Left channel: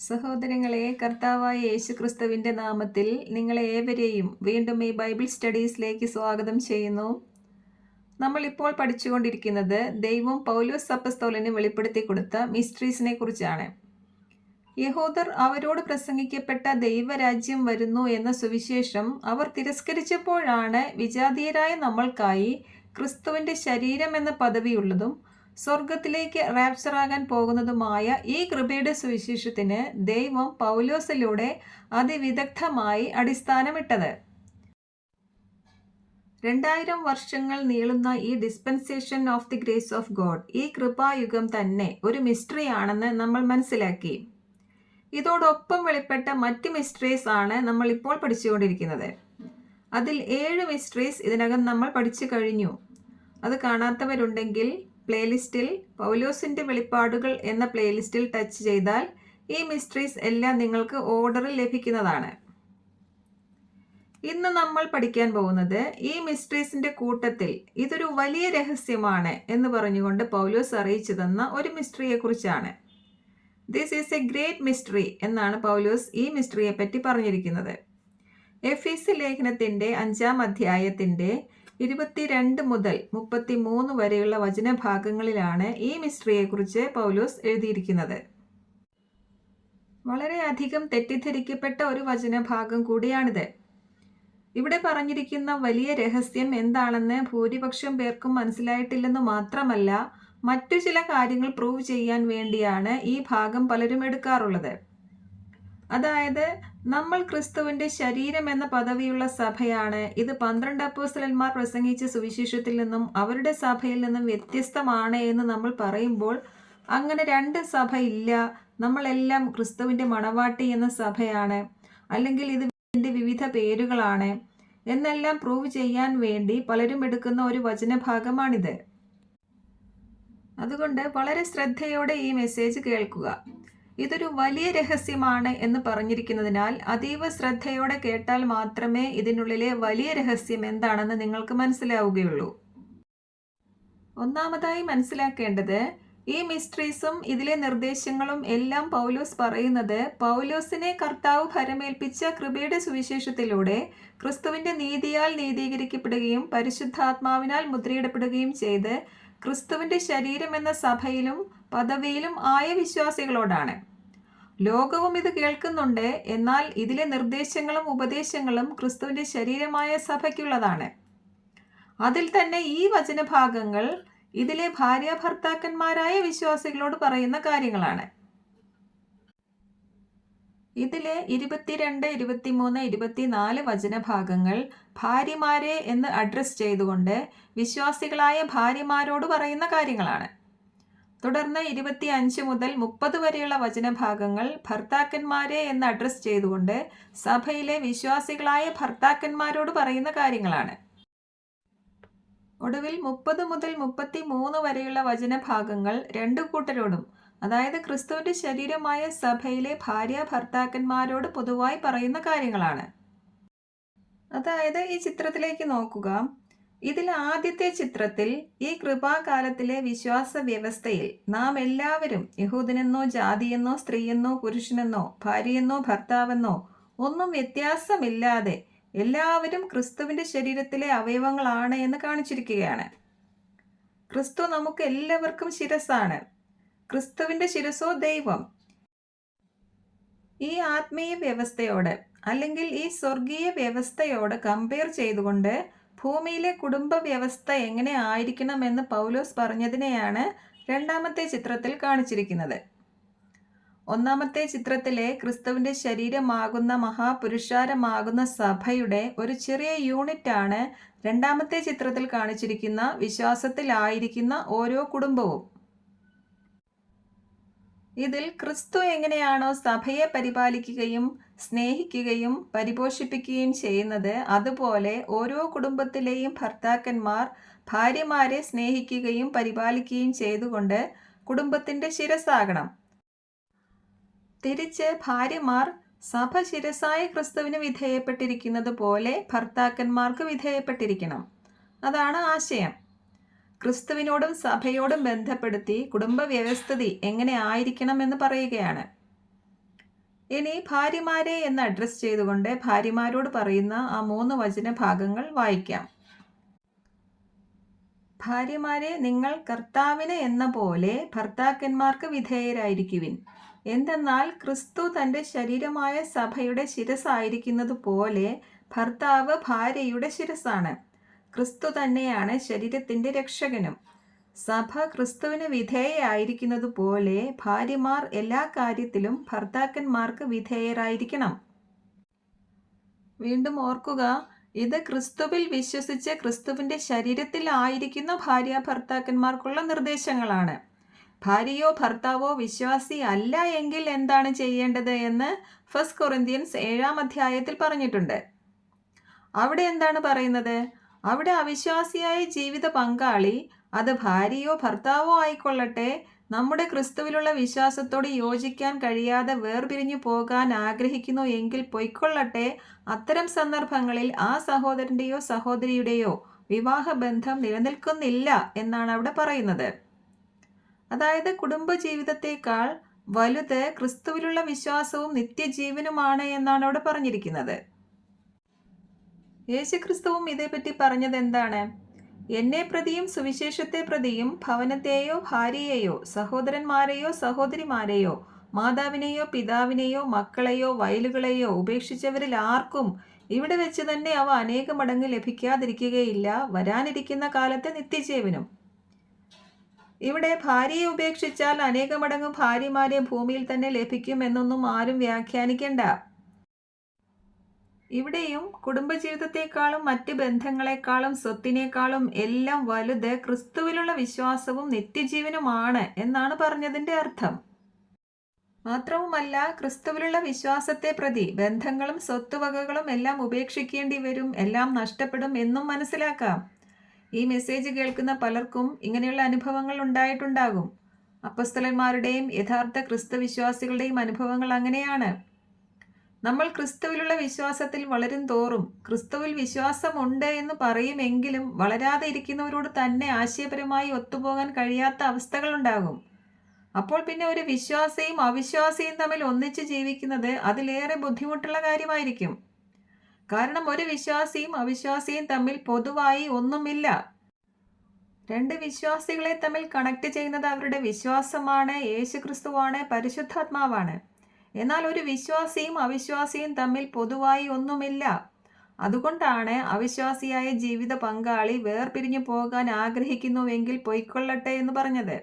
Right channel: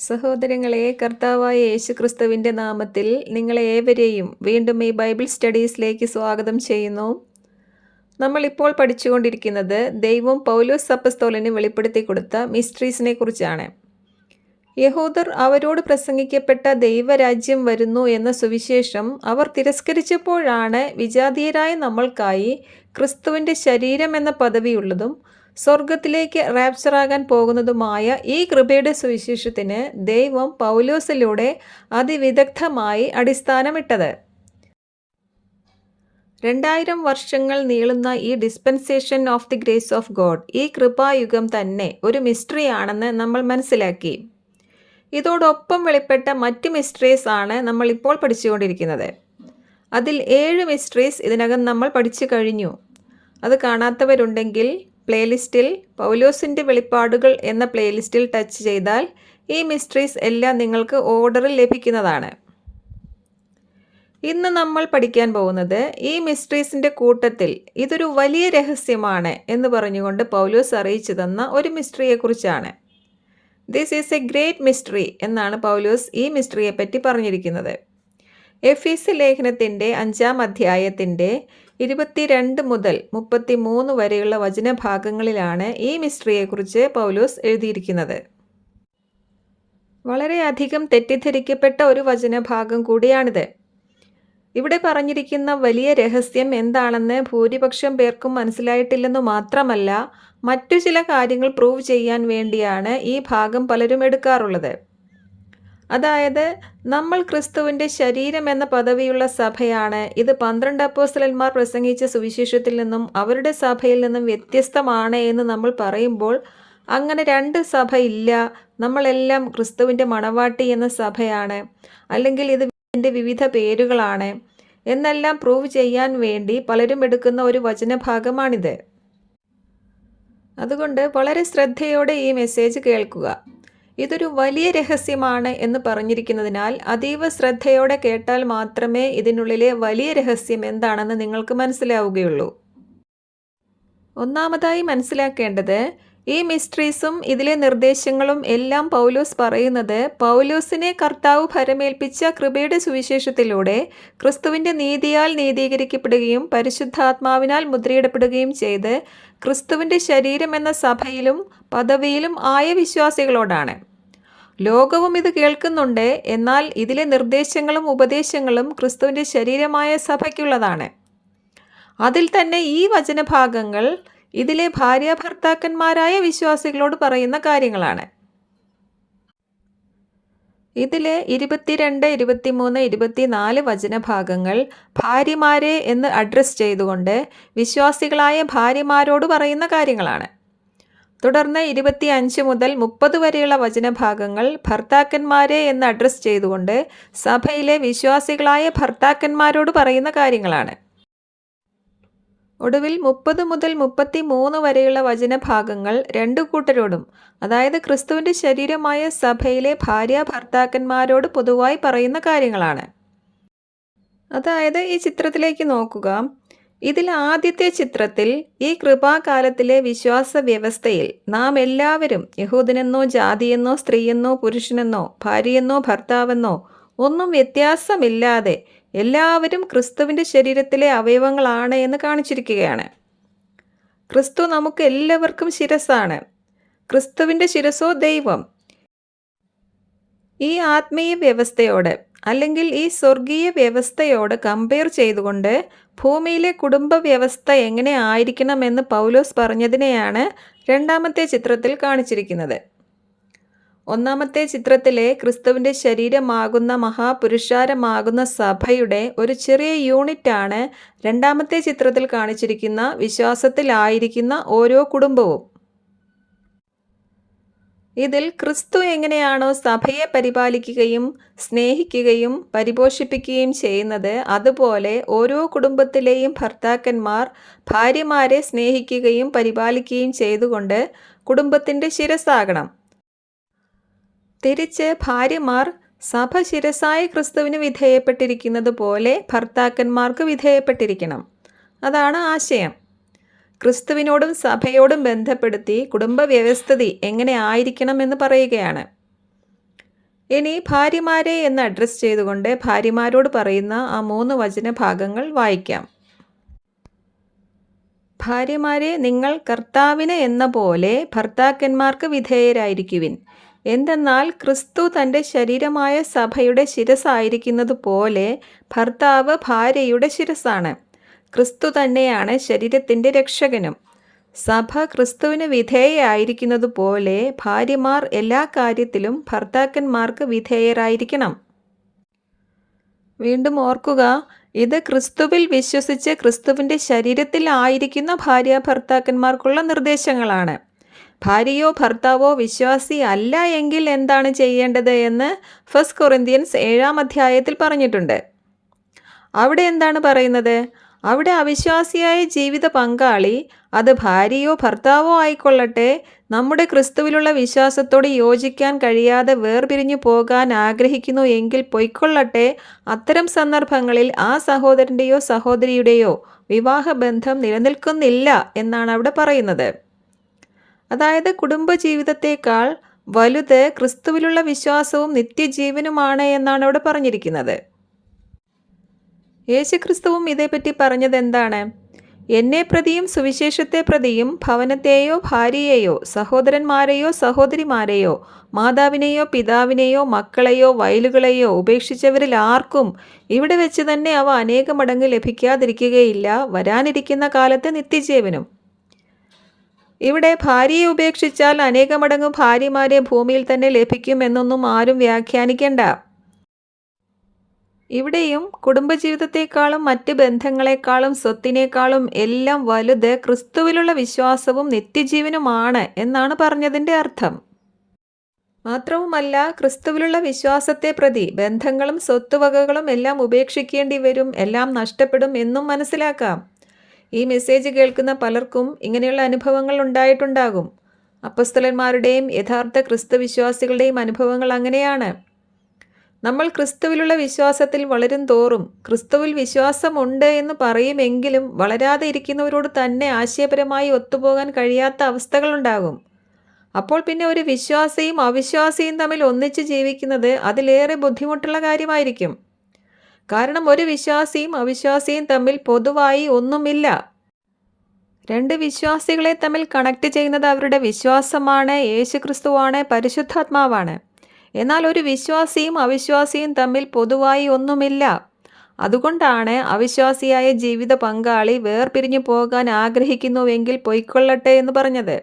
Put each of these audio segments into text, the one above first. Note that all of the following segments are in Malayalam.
സഹോദരങ്ങളെ, കർത്താവായ യേശുക്രിസ്തുവിൻ്റെ നാമത്തിൽ നിങ്ങളെ ഏവരെയും വീണ്ടും ഈ ബൈബിൾ സ്റ്റഡീസിലേക്ക് സ്വാഗതം ചെയ്യുന്നു. നമ്മളിപ്പോൾ പഠിച്ചുകൊണ്ടിരിക്കുന്നത് ദൈവം പൗലോസ് അപ്പസ്തോലന് വെളിപ്പെടുത്തി കൊടുത്ത മിസ്റ്ററീസിനെ കുറിച്ചാണ്. യഹൂദർ അവരോട് പ്രസംഗിക്കപ്പെട്ട ദൈവരാജ്യം വരുന്നു എന്ന സുവിശേഷം അവർ തിരസ്കരിച്ചപ്പോഴാണ് വിജാതീയരായ നമ്മൾക്കായി ക്രിസ്തുവിൻ്റെ ശരീരം എന്ന പദവിയുള്ളതും സ്വർഗത്തിലേക്ക് റാപ്ചറാകാൻ പോകുന്നതുമായ ഈ കൃപയുടെ സുവിശേഷത്തിന് ദൈവം പൗലോസിലൂടെ അതിവിദഗ്ധമായി അടിസ്ഥാനമിട്ടത്. 2000 വർഷങ്ങൾ നീളുന്ന ഈ dispensation of the grace of God, ഈ കൃപായുഗം തന്നെ ഒരു മിസ്റ്ററി ആണെന്ന് നമ്മൾ മനസ്സിലാക്കി. ഇതോടൊപ്പം വെളിപ്പെട്ട മറ്റ് മിസ്റ്ററീസ് ആണ് നമ്മൾ ഇപ്പോൾ പഠിച്ചുകൊണ്ടിരിക്കുന്നത്. അതിൽ 7 മിസ്റ്ററീസ് ഇതിനകം നമ്മൾ പഠിച്ചു കഴിഞ്ഞു. അത് കാണാത്തവരുണ്ടെങ്കിൽ പ്ലേലിസ്റ്റിൽ പൗലോസിൻ്റെ വെളിപ്പാടുകൾ എന്ന പ്ലേലിസ്റ്റിൽ ടച്ച് ചെയ്താൽ ഈ മിസ്റ്ററീസ് എല്ലാം നിങ്ങൾക്ക് ഓർഡറിൽ ലഭിക്കുന്നതാണ്. ഇന്ന് നമ്മൾ പഠിക്കാൻ പോകുന്നത് ഈ മിസ്റ്ററീസിൻ്റെ കൂട്ടത്തിൽ ഇതൊരു വലിയ രഹസ്യമാണ് എന്ന് പറഞ്ഞുകൊണ്ട് പൗലോസ് അറിയിച്ചു തന്ന ഒരു മിസ്റ്ററിയെക്കുറിച്ചാണ്. This is a great mystery എന്നാണ് പൗലോസ് ഈ മിസ്റ്ററിയെ പറ്റി പറഞ്ഞിരിക്കുന്നത്. എഫീസ് ലേഖനത്തിൻ്റെ 5-ാം അധ്യായത്തിൻ്റെ 22 മുതൽ 33 വരെയുള്ള വചനഭാഗങ്ങളിലാണ് ഈ മിസ്റ്ററിയെക്കുറിച്ച് പൗലോസ് എഴുതിയിരിക്കുന്നത്. വളരെയധികം തെറ്റിദ്ധരിക്കപ്പെട്ട ഒരു വചനഭാഗം കൂടിയാണിത്. ഇവിടെ പറഞ്ഞിരിക്കുന്ന വലിയ രഹസ്യം എന്താണെന്ന് ഭൂരിപക്ഷം പേർക്കും മനസ്സിലായിട്ടില്ലെന്നു മാത്രമല്ല, മറ്റു ചില കാര്യങ്ങൾ പ്രൂവ് ചെയ്യാൻ വേണ്ടിയാണ് ഈ ഭാഗം പലരും എടുക്കാറുള്ളത്. അതായത്, നമ്മൾ ക്രിസ്തുവിൻ്റെ ശരീരം എന്ന പദവിയുള്ള സഭയാണ്. ഇത് 12 അപ്പോസ്തലന്മാർ പ്രസംഗിച്ച സുവിശേഷത്തിൽ നിന്നും അവരുടെ സഭയിൽ നിന്നും വ്യത്യസ്തമാണ് എന്ന് നമ്മൾ പറയുമ്പോൾ, അങ്ങനെ 2 സഭ ഇല്ല, നമ്മളെല്ലാം ക്രിസ്തുവിൻ്റെ മണവാട്ടി എന്ന സഭയാണ്, അല്ലെങ്കിൽ ഇതിൻ്റെ വിവിധ പേരുകളാണ് എന്നെല്ലാം പ്രൂവ് ചെയ്യാൻ വേണ്ടി പലരും എടുക്കുന്ന ഒരു വചനഭാഗമാണിത്. അതുകൊണ്ട് വളരെ ശ്രദ്ധയോടെ ഈ മെസ്സേജ് കേൾക്കുക. ഇതൊരു വലിയ രഹസ്യമാണ് എന്ന് പറഞ്ഞിരിക്കുന്നതിനാൽ അതീവ ശ്രദ്ധയോടെ കേട്ടാൽ മാത്രമേ ഇതിനുള്ളിലെ വലിയ രഹസ്യം എന്താണെന്ന് നിങ്ങൾക്ക് മനസ്സിലാവുകയുള്ളൂ. ഒന്നാമതായി മനസ്സിലാക്കേണ്ടത്, ഈ മിസ്റ്ററീസും ഇതിലെ നിർദ്ദേശങ്ങളും എല്ലാം പൗലോസ് പറയുന്നത് പൗലോസിനെ കർത്താവ് ഭരമേൽപ്പിച്ച കൃപയുടെ സുവിശേഷത്തിലൂടെ ക്രിസ്തുവിൻ്റെ നീതിയാൽ നീതീകരിക്കപ്പെടുകയും പരിശുദ്ധാത്മാവിനാൽ മുദ്രയിടപ്പെടുകയും ചെയ്ത് ക്രിസ്തുവിൻ്റെ ശരീരം എന്ന സഭയിലും പദവിയിലും ആയ വിശ്വാസികളോടാണ്. ലോകവും ഇത് കേൾക്കുന്നുണ്ട്, എന്നാൽ ഇതിലെ നിർദ്ദേശങ്ങളും ഉപദേശങ്ങളും ക്രിസ്തുവിൻ്റെ ശരീരമായ സഭയ്ക്കുള്ളതാണ്. അതിൽ തന്നെ ഈ വചനഭാഗങ്ങൾ ഇതിലെ ഭാര്യാഭർത്താക്കന്മാരായ വിശ്വാസികളോട് പറയുന്ന കാര്യങ്ങളാണ്. ഇതിലെ 22, 23, 24 വചനഭാഗങ്ങൾ ഭാര്യമാരെ എന്ന് അഡ്രസ് ചെയ്തുകൊണ്ട് വിശ്വാസികളായ ഭാര്യമാരോട് പറയുന്ന കാര്യങ്ങളാണ്. തുടർന്ന് 25 മുതൽ 30 വരെയുള്ള വചനഭാഗങ്ങൾ ഭർത്താക്കന്മാരെ എന്ന് അഡ്രസ് ചെയ്തുകൊണ്ട് സഭയിലെ വിശ്വാസികളായ ഭർത്താക്കന്മാരോട് പറയുന്ന കാര്യങ്ങളാണ്. ഒടുവിൽ 30 മുതൽ 33 വരെയുള്ള വചനഭാഗങ്ങൾ 2 കൂട്ടരോടും, അതായത് ക്രിസ്തുവിൻ്റെ ശരീരമായ സഭയിലെ ഭാര്യ ഭർത്താക്കന്മാരോട് പൊതുവായി പറയുന്ന കാര്യങ്ങളാണ്. അതായത്, ഈ ചിത്രത്തിലേക്ക് നോക്കുക. ഇതിൽ ആദ്യത്തെ ചിത്രത്തിൽ ഈ കൃപാകാലത്തിലെ വിശ്വാസ വ്യവസ്ഥയിൽ നാം എല്ലാവരും യഹൂദനെന്നോ ജാതിയെന്നോ സ്ത്രീയെന്നോ പുരുഷനെന്നോ ഭാര്യയെന്നോ ഭർത്താവെന്നോ ഒന്നും വ്യത്യാസമില്ലാതെ എല്ലാവരും ക്രിസ്തുവിൻ്റെ ശരീരത്തിലെ അവയവങ്ങളാണ് എന്ന് കാണിച്ചിരിക്കുകയാണ്. ക്രിസ്തു നമുക്ക് എല്ലാവർക്കും ശിരസ്സാണ്. ക്രിസ്തുവിൻ്റെ ശിരസ്സോ ദൈവം. ഈ ആത്മീയ വ്യവസ്ഥയോട് അല്ലെങ്കിൽ ഈ സ്വർഗീയ വ്യവസ്ഥയോട് കമ്പയർ ചെയ്തുകൊണ്ട് ഭൂമിയിലെ കുടുംബ വ്യവസ്ഥ എങ്ങനെ ആയിരിക്കണമെന്ന് പൗലോസ് പറഞ്ഞതിനെയാണ് രണ്ടാമത്തെ ചിത്രത്തിൽ കാണിച്ചിരിക്കുന്നത്. ഒന്നാമത്തെ ചിത്രത്തിലെ ക്രിസ്തുവിൻ്റെ ശരീരമാകുന്ന മഹാപുരുഷാരമാകുന്ന സഭയുടെ ഒരു ചെറിയ യൂണിറ്റാണ് രണ്ടാമത്തെ ചിത്രത്തിൽ കാണിച്ചിരിക്കുന്ന വിശ്വാസത്തിലായിരിക്കുന്ന ഓരോ കുടുംബവും. ഇതിൽ ക്രിസ്തു എങ്ങനെയാണോ സഭയെ പരിപാലിക്കുകയും സ്നേഹിക്കുകയും പരിപോഷിപ്പിക്കുകയും ചെയ്യുന്നത്, അതുപോലെ ഓരോ കുടുംബത്തിലെയും ഭർത്താക്കന്മാർ ഭാര്യമാരെ സ്നേഹിക്കുകയും പരിപാലിക്കുകയും ചെയ്തുകൊണ്ട് കുടുംബത്തിൻ്റെ ശിരസ്സാകണം. തിരിച്ച് ഭാര്യമാർ സഭ ശിരസ്സായ ക്രിസ്തുവിന് വിധേയപ്പെട്ടിരിക്കുന്നത് പോലെ ഭർത്താക്കന്മാർക്ക് വിധേയപ്പെട്ടിരിക്കണം. അതാണ് ആശയം. ക്രിസ്തുവിനോടും സഭയോടും ബന്ധപ്പെടുത്തി കുടുംബ വ്യവസ്ഥിതി എങ്ങനെ ആയിരിക്കണമെന്ന് പറയുകയാണ്. ഇനി ഭാര്യമാരെ എന്ന് അഡ്രസ്സ് ചെയ്തുകൊണ്ട് ഭാര്യമാരോട് പറയുന്ന ആ 3 വചനഭാഗങ്ങൾ വായിക്കാം. ഭാര്യമാരെ, നിങ്ങൾ കർത്താവിന് എന്ന പോലെ ഭർത്താക്കന്മാർക്ക് വിധേയരായിരിക്കുവിൻ. എന്തെന്നാൽ ക്രിസ്തു തൻ്റെ ശരീരമായ സഭയുടെ ശിരസ്സായിരിക്കുന്നത് പോലെ ഭർത്താവ് ഭാര്യയുടെ ശിരസ്സാണ്. ക്രിസ്തു തന്നെയാണ് ശരീരത്തിൻ്റെ രക്ഷകനും. സഭ ക്രിസ്തുവിന് വിധേയയായിരിക്കുന്നത് പോലെ ഭാര്യമാർ എല്ലാ കാര്യത്തിലും ഭർത്താക്കന്മാർക്ക് വിധേയരായിരിക്കണം. വീണ്ടും ഓർക്കുക, ഇത് ക്രിസ്തുവിൽ വിശ്വസിച്ച് ക്രിസ്തുവിൻ്റെ ശരീരത്തിൽ ആയിരിക്കുന്ന ഭാര്യ ഭർത്താക്കന്മാർക്കുള്ള നിർദ്ദേശങ്ങളാണ്. ഭാര്യയോ ഭർത്താവോ വിശ്വാസി അല്ല എങ്കിൽ എന്താണ് ചെയ്യേണ്ടത് എന്ന് 1 കൊറിന്ത്യൻസ് 7-ാം അധ്യായത്തിൽ പറഞ്ഞിട്ടുണ്ട്. അവിടെ എന്താണ് പറയുന്നത്? അവിടെ അവിശ്വാസിയായ ജീവിത പങ്കാളി, അത് ഭാര്യയോ ഭർത്താവോ ആയിക്കൊള്ളട്ടെ, നമ്മുടെ ക്രിസ്തുവിലുള്ള വിശ്വാസത്തോട് യോജിക്കാൻ കഴിയാതെ വേർപിരിഞ്ഞു പോകാൻ ആഗ്രഹിക്കുന്നു എങ്കിൽ പൊയ്ക്കൊള്ളട്ടെ. അത്തരം സന്ദർഭങ്ങളിൽ ആ സഹോദരൻ്റെയോ സഹോദരിയുടെയോ വിവാഹബന്ധം നിലനിൽക്കുന്നില്ല എന്നാണ് അവിടെ പറയുന്നത്. അതായത് കുടുംബജീവിതത്തേക്കാൾ വലുത് ക്രിസ്തുവിലുള്ള വിശ്വാസവും നിത്യജീവനുമാണ് എന്നാണ് അവിടെ പറഞ്ഞിരിക്കുന്നത്. യേശുക്രിസ്തുവും ഇതേപ്പറ്റി പറഞ്ഞത് എന്താണ്? എന്നെ പ്രതിയും സുവിശേഷത്തെ പ്രതിയും ഭവനത്തെയോ ഭാര്യയെയോ സഹോദരന്മാരെയോ സഹോദരിമാരെയോ മാതാവിനെയോ പിതാവിനെയോ മക്കളെയോ വയലുകളെയോ ഉപേക്ഷിച്ചവരിൽ ആർക്കും ഇവിടെ വെച്ച് തന്നെ അവ അനേക മടങ്ങ് ലഭിക്കാതിരിക്കുകയില്ല, വരാനിരിക്കുന്ന കാലത്ത് നിത്യജീവനും. ഇവിടെ ഭാര്യയെ ഉപേക്ഷിച്ചാൽ അനേക മടങ്ങ് ഭാര്യമാരെ ഭൂമിയിൽ തന്നെ ലഭിക്കും എന്നൊന്നും ആരും വ്യാഖ്യാനിക്കേണ്ട. ഇവിടെയും കുടുംബജീവിതത്തെക്കാളും മറ്റ് ബന്ധങ്ങളെക്കാളും സ്വത്തിനേക്കാളും എല്ലാം വലുത് ക്രിസ്തുവിലുള്ള വിശ്വാസവും നിത്യജീവനുമാണ് എന്നാണ് പറഞ്ഞതിൻ്റെ അർത്ഥം. മാത്രവുമല്ല, ക്രിസ്തുവിലുള്ള വിശ്വാസത്തെ പ്രതി ബന്ധങ്ങളും സ്വത്തുവകകളും എല്ലാം ഉപേക്ഷിക്കേണ്ടി വരും, എല്ലാം നഷ്ടപ്പെടും എന്നും മനസ്സിലാക്കാം. ഈ മെസ്സേജ് കേൾക്കുന്ന പലർക്കും ഇങ്ങനെയുള്ള അനുഭവങ്ങൾ ഉണ്ടായിട്ടുണ്ടാകും. അപ്പോസ്തലന്മാരുടെയും യഥാർത്ഥ ക്രിസ്തുവിശ്വാസികളുടെയും അനുഭവങ്ങൾ അങ്ങനെയാണ്. നമ്മൾ ക്രിസ്തുവിലുള്ള വിശ്വാസത്തിൽ വളരും തോറും ക്രിസ്തുവിൽ വിശ്വാസമുണ്ട് എന്ന് പറയുമെങ്കിലും വളരാതെ ഇരിക്കുന്നവരോട് തന്നെ ആശയപരമായി ഒത്തുപോകാൻ കഴിയാത്ത അവസ്ഥകളുണ്ടാകും. അപ്പോൾ പിന്നെ ഒരു വിശ്വാസിയും അവിശ്വാസിയും തമ്മിൽ ഒന്നിച്ച് ജീവിക്കുന്നത് അതിലേറെ ബുദ്ധിമുട്ടുള്ള കാര്യമായിരിക്കും. കാരണം ഒരു വിശ്വാസിയും അവിശ്വാസിയും തമ്മിൽ പൊതുവായി ഒന്നുമില്ല. രണ്ട് വിശ്വാസികളെ തമ്മിൽ കണക്ട് ചെയ്യുന്നത് അവരുടെ വിശ്വാസമാണ്, യേശുക്രിസ്തുവാണ്, പരിശുദ്ധാത്മാവാണ്. എന്നാൽ ഒരു വിശ്വാസിയും അവിശ്വാസിയും തമ്മിൽ പൊതുവായി ഒന്നുമില്ല. അതുകൊണ്ടാണ് അവിശ്വാസിയായ ജീവിത പങ്കാളി വേർപിരിഞ്ഞു പോകാൻ ആഗ്രഹിക്കുന്നുവെങ്കിൽ പൊയ്ക്കൊള്ളട്ടെ എന്ന് പറഞ്ഞത്.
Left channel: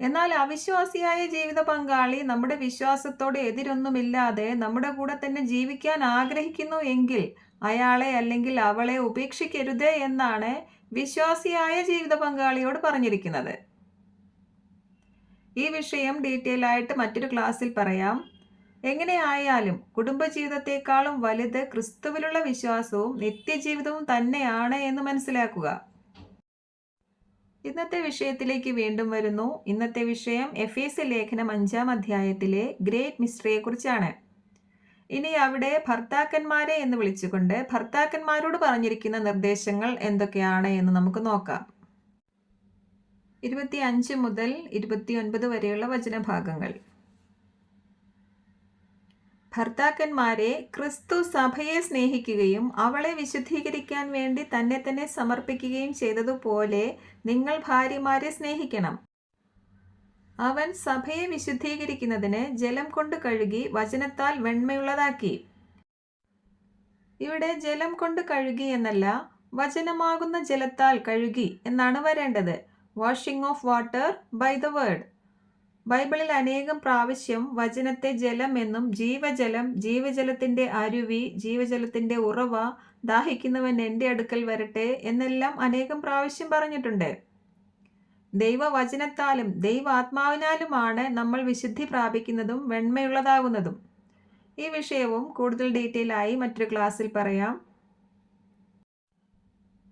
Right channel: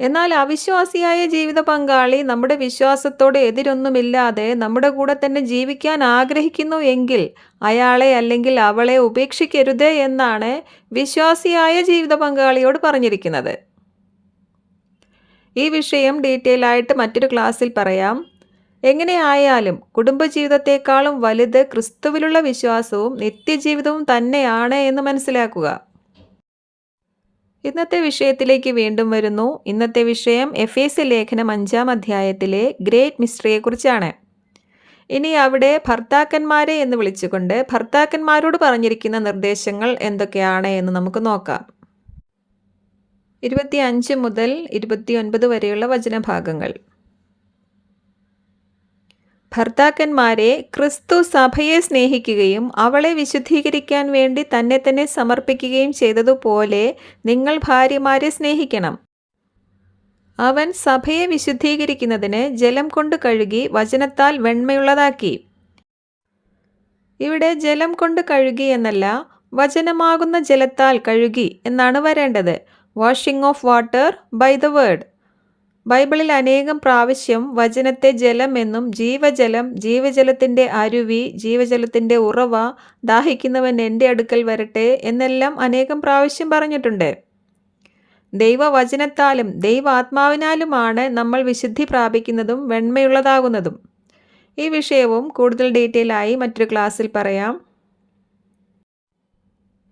എന്നാൽ അവിശ്വാസിയായ ജീവിത പങ്കാളി നമ്മുടെ വിശ്വാസത്തോട് എതിരൊന്നുമില്ലാതെ നമ്മുടെ കൂടെ തന്നെ ജീവിക്കാൻ ആഗ്രഹിക്കുന്നു എങ്കിൽ അയാളെ അല്ലെങ്കിൽ അവളെ ഉപേക്ഷിക്കരുത് എന്നാണ് വിശ്വാസിയായ ജീവിത പങ്കാളിയോട് പറഞ്ഞിരിക്കുന്നത്. ഈ വിഷയം ഡീറ്റെയിൽ ആയിട്ട് മറ്റൊരു ക്ലാസ്സിൽ പറയാം. എങ്ങനെയായാലും കുടുംബജീവിതത്തെക്കാളും വലുത് ക്രിസ്തുവിലുള്ള വിശ്വാസവും നിത്യജീവിതവും തന്നെയാണ് എന്ന് മനസ്സിലാക്കുക. ഇന്നത്തെ വിഷയത്തിലേക്ക് വീണ്ടും വരുന്നു. ഇന്നത്തെ വിഷയം എഫേസ്യ ലേഖനം 5-ാം അധ്യായത്തിലെ ഗ്രേറ്റ് മിസ്റ്ററിയെക്കുറിച്ചാണ്. ഇനി അവിടെ ഭർത്താക്കന്മാരെ എന്ന് വിളിച്ചുകൊണ്ട് ഭർത്താക്കന്മാരോട് പറഞ്ഞിരിക്കുന്ന നിർദ്ദേശങ്ങൾ എന്തൊക്കെയാണ് എന്ന് നമുക്ക് നോക്കാം. 25 മുതൽ 29 വരെയുള്ള വചനഭാഗങ്ങൾ. ഭർത്താക്കന്മാരെ, ക്രിസ്തു സഭയെ സ്നേഹിക്കുകയും അവളെ വിശുദ്ധീകരിക്കാൻ വേണ്ടി തന്നെ തന്നെ സമർപ്പിക്കുകയും ചെയ്തതുപോലെ നിങ്ങൾ ഭാര്യമാരെ സ്നേഹിക്കണം. അവൻ സഭയെ വിശുദ്ധീകരിക്കുന്നതിന് ജലം കൊണ്ട് കഴുകി വചനത്താൽ വെണ്മയുള്ളതാക്കി. ഇവിടെ ജലം കൊണ്ട് കഴുകി എന്നല്ല, വചനമാകുന്ന ജലത്താൽ കഴുകി എന്നാണ് വരേണ്ടത്. Washing of water by the word. ബൈബിളിൽ അനേകം പ്രാവശ്യം വചനത്തെ ജലം എന്നും ജീവജലം, ജീവജലത്തിൻ്റെ അരുവി, ജീവജലത്തിൻ്റെ ഉറവ, ദാഹിക്കുന്നവൻ എൻ്റെ അടുക്കൽ വരട്ടെ എന്നെല്ലാം അനേകം പ്രാവശ്യം പറഞ്ഞിട്ടുണ്ട്. ദൈവവചനത്താലും ദൈവാത്മാവിനാലുമാണ് നമ്മൾ വിശുദ്ധി പ്രാപിക്കുന്നതും വെണ്മയുള്ളതാകുന്നതും. ഈ വിഷയവും കൂടുതൽ ഡീറ്റെയിൽ ആയി മറ്റൊരു ക്ലാസ്സിൽ പറയാം.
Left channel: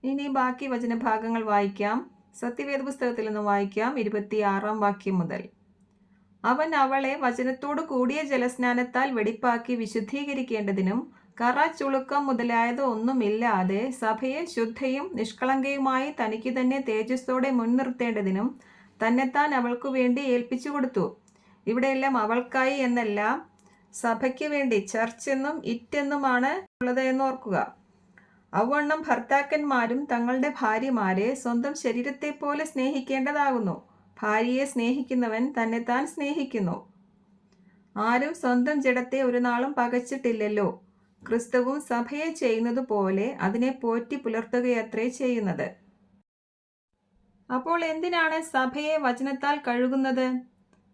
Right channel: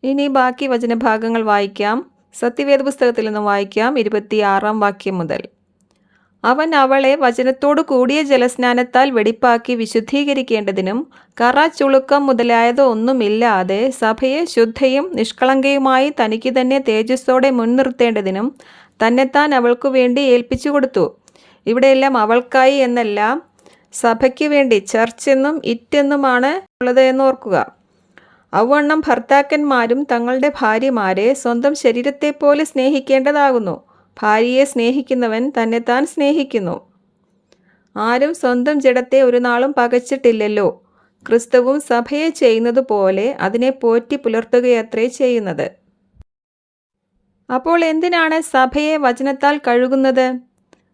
ഇനി ബാക്കി വചനഭാഗങ്ങൾ വായിക്കാം. സത്യവേദ പുസ്തകത്തിൽ നിന്ന് വായിക്കാം. 26-ാം വാക്യം മുതൽ. അവൻ അവളെ വചനത്തോടു കൂടിയ ജലസ്നാനത്താൽ വെടിപ്പാക്കി വിശുദ്ധീകരിക്കേണ്ടതിനും കറ, ചുളുക്കം മുതലായത് ഒന്നുമില്ലാതെ സഭയെ ശുദ്ധയും നിഷ്കളങ്കയുമായി തനിക്ക് തന്നെ തേജസ്സോടെ മുൻനിർത്തേണ്ടതിനും തന്നെത്താൻ അവൾക്കു വേണ്ടി ഏൽപ്പിച്ചു കൊടുത്തു. ഇവിടെയെല്ലാം അവൾക്കായി എന്നല്ല, സഭയ്ക്ക് വേണ്ടി ചർച്ച് എന്നും ഇറ്റ് എന്നുമാണ് ഉള്ളത് എന്ന് ഓർക്കുക. അവണ്ണം ഭർത്താക്കന്മാരും തങ്ങളുടെ ഭാര്യമാരെ സ്വന്തം ശരീരത്തെപ്പോലെ സ്നേഹിക്കേണ്ടതാകുന്നു. ഭാര്യയെ സ്നേഹിക്കുന്നവൻ തന്നെത്താൻ സ്നേഹിക്കുന്നു. ആരും സ്വന്തം ജഡത്തെ ഒരു നാളും പകച്ചിട്ടില്ലല്ലോ. ക്രിസ്തുവും സഭയെ ചെയ്യുന്നത് പോലെ അതിനെ പോറ്റി പുലർത്തുകയത്രേ ചെയ്യുന്നത്. അപ്പോൾ എന്തിനാണ് സഭയെ വചനത്താൽ കഴുകുന്നത്?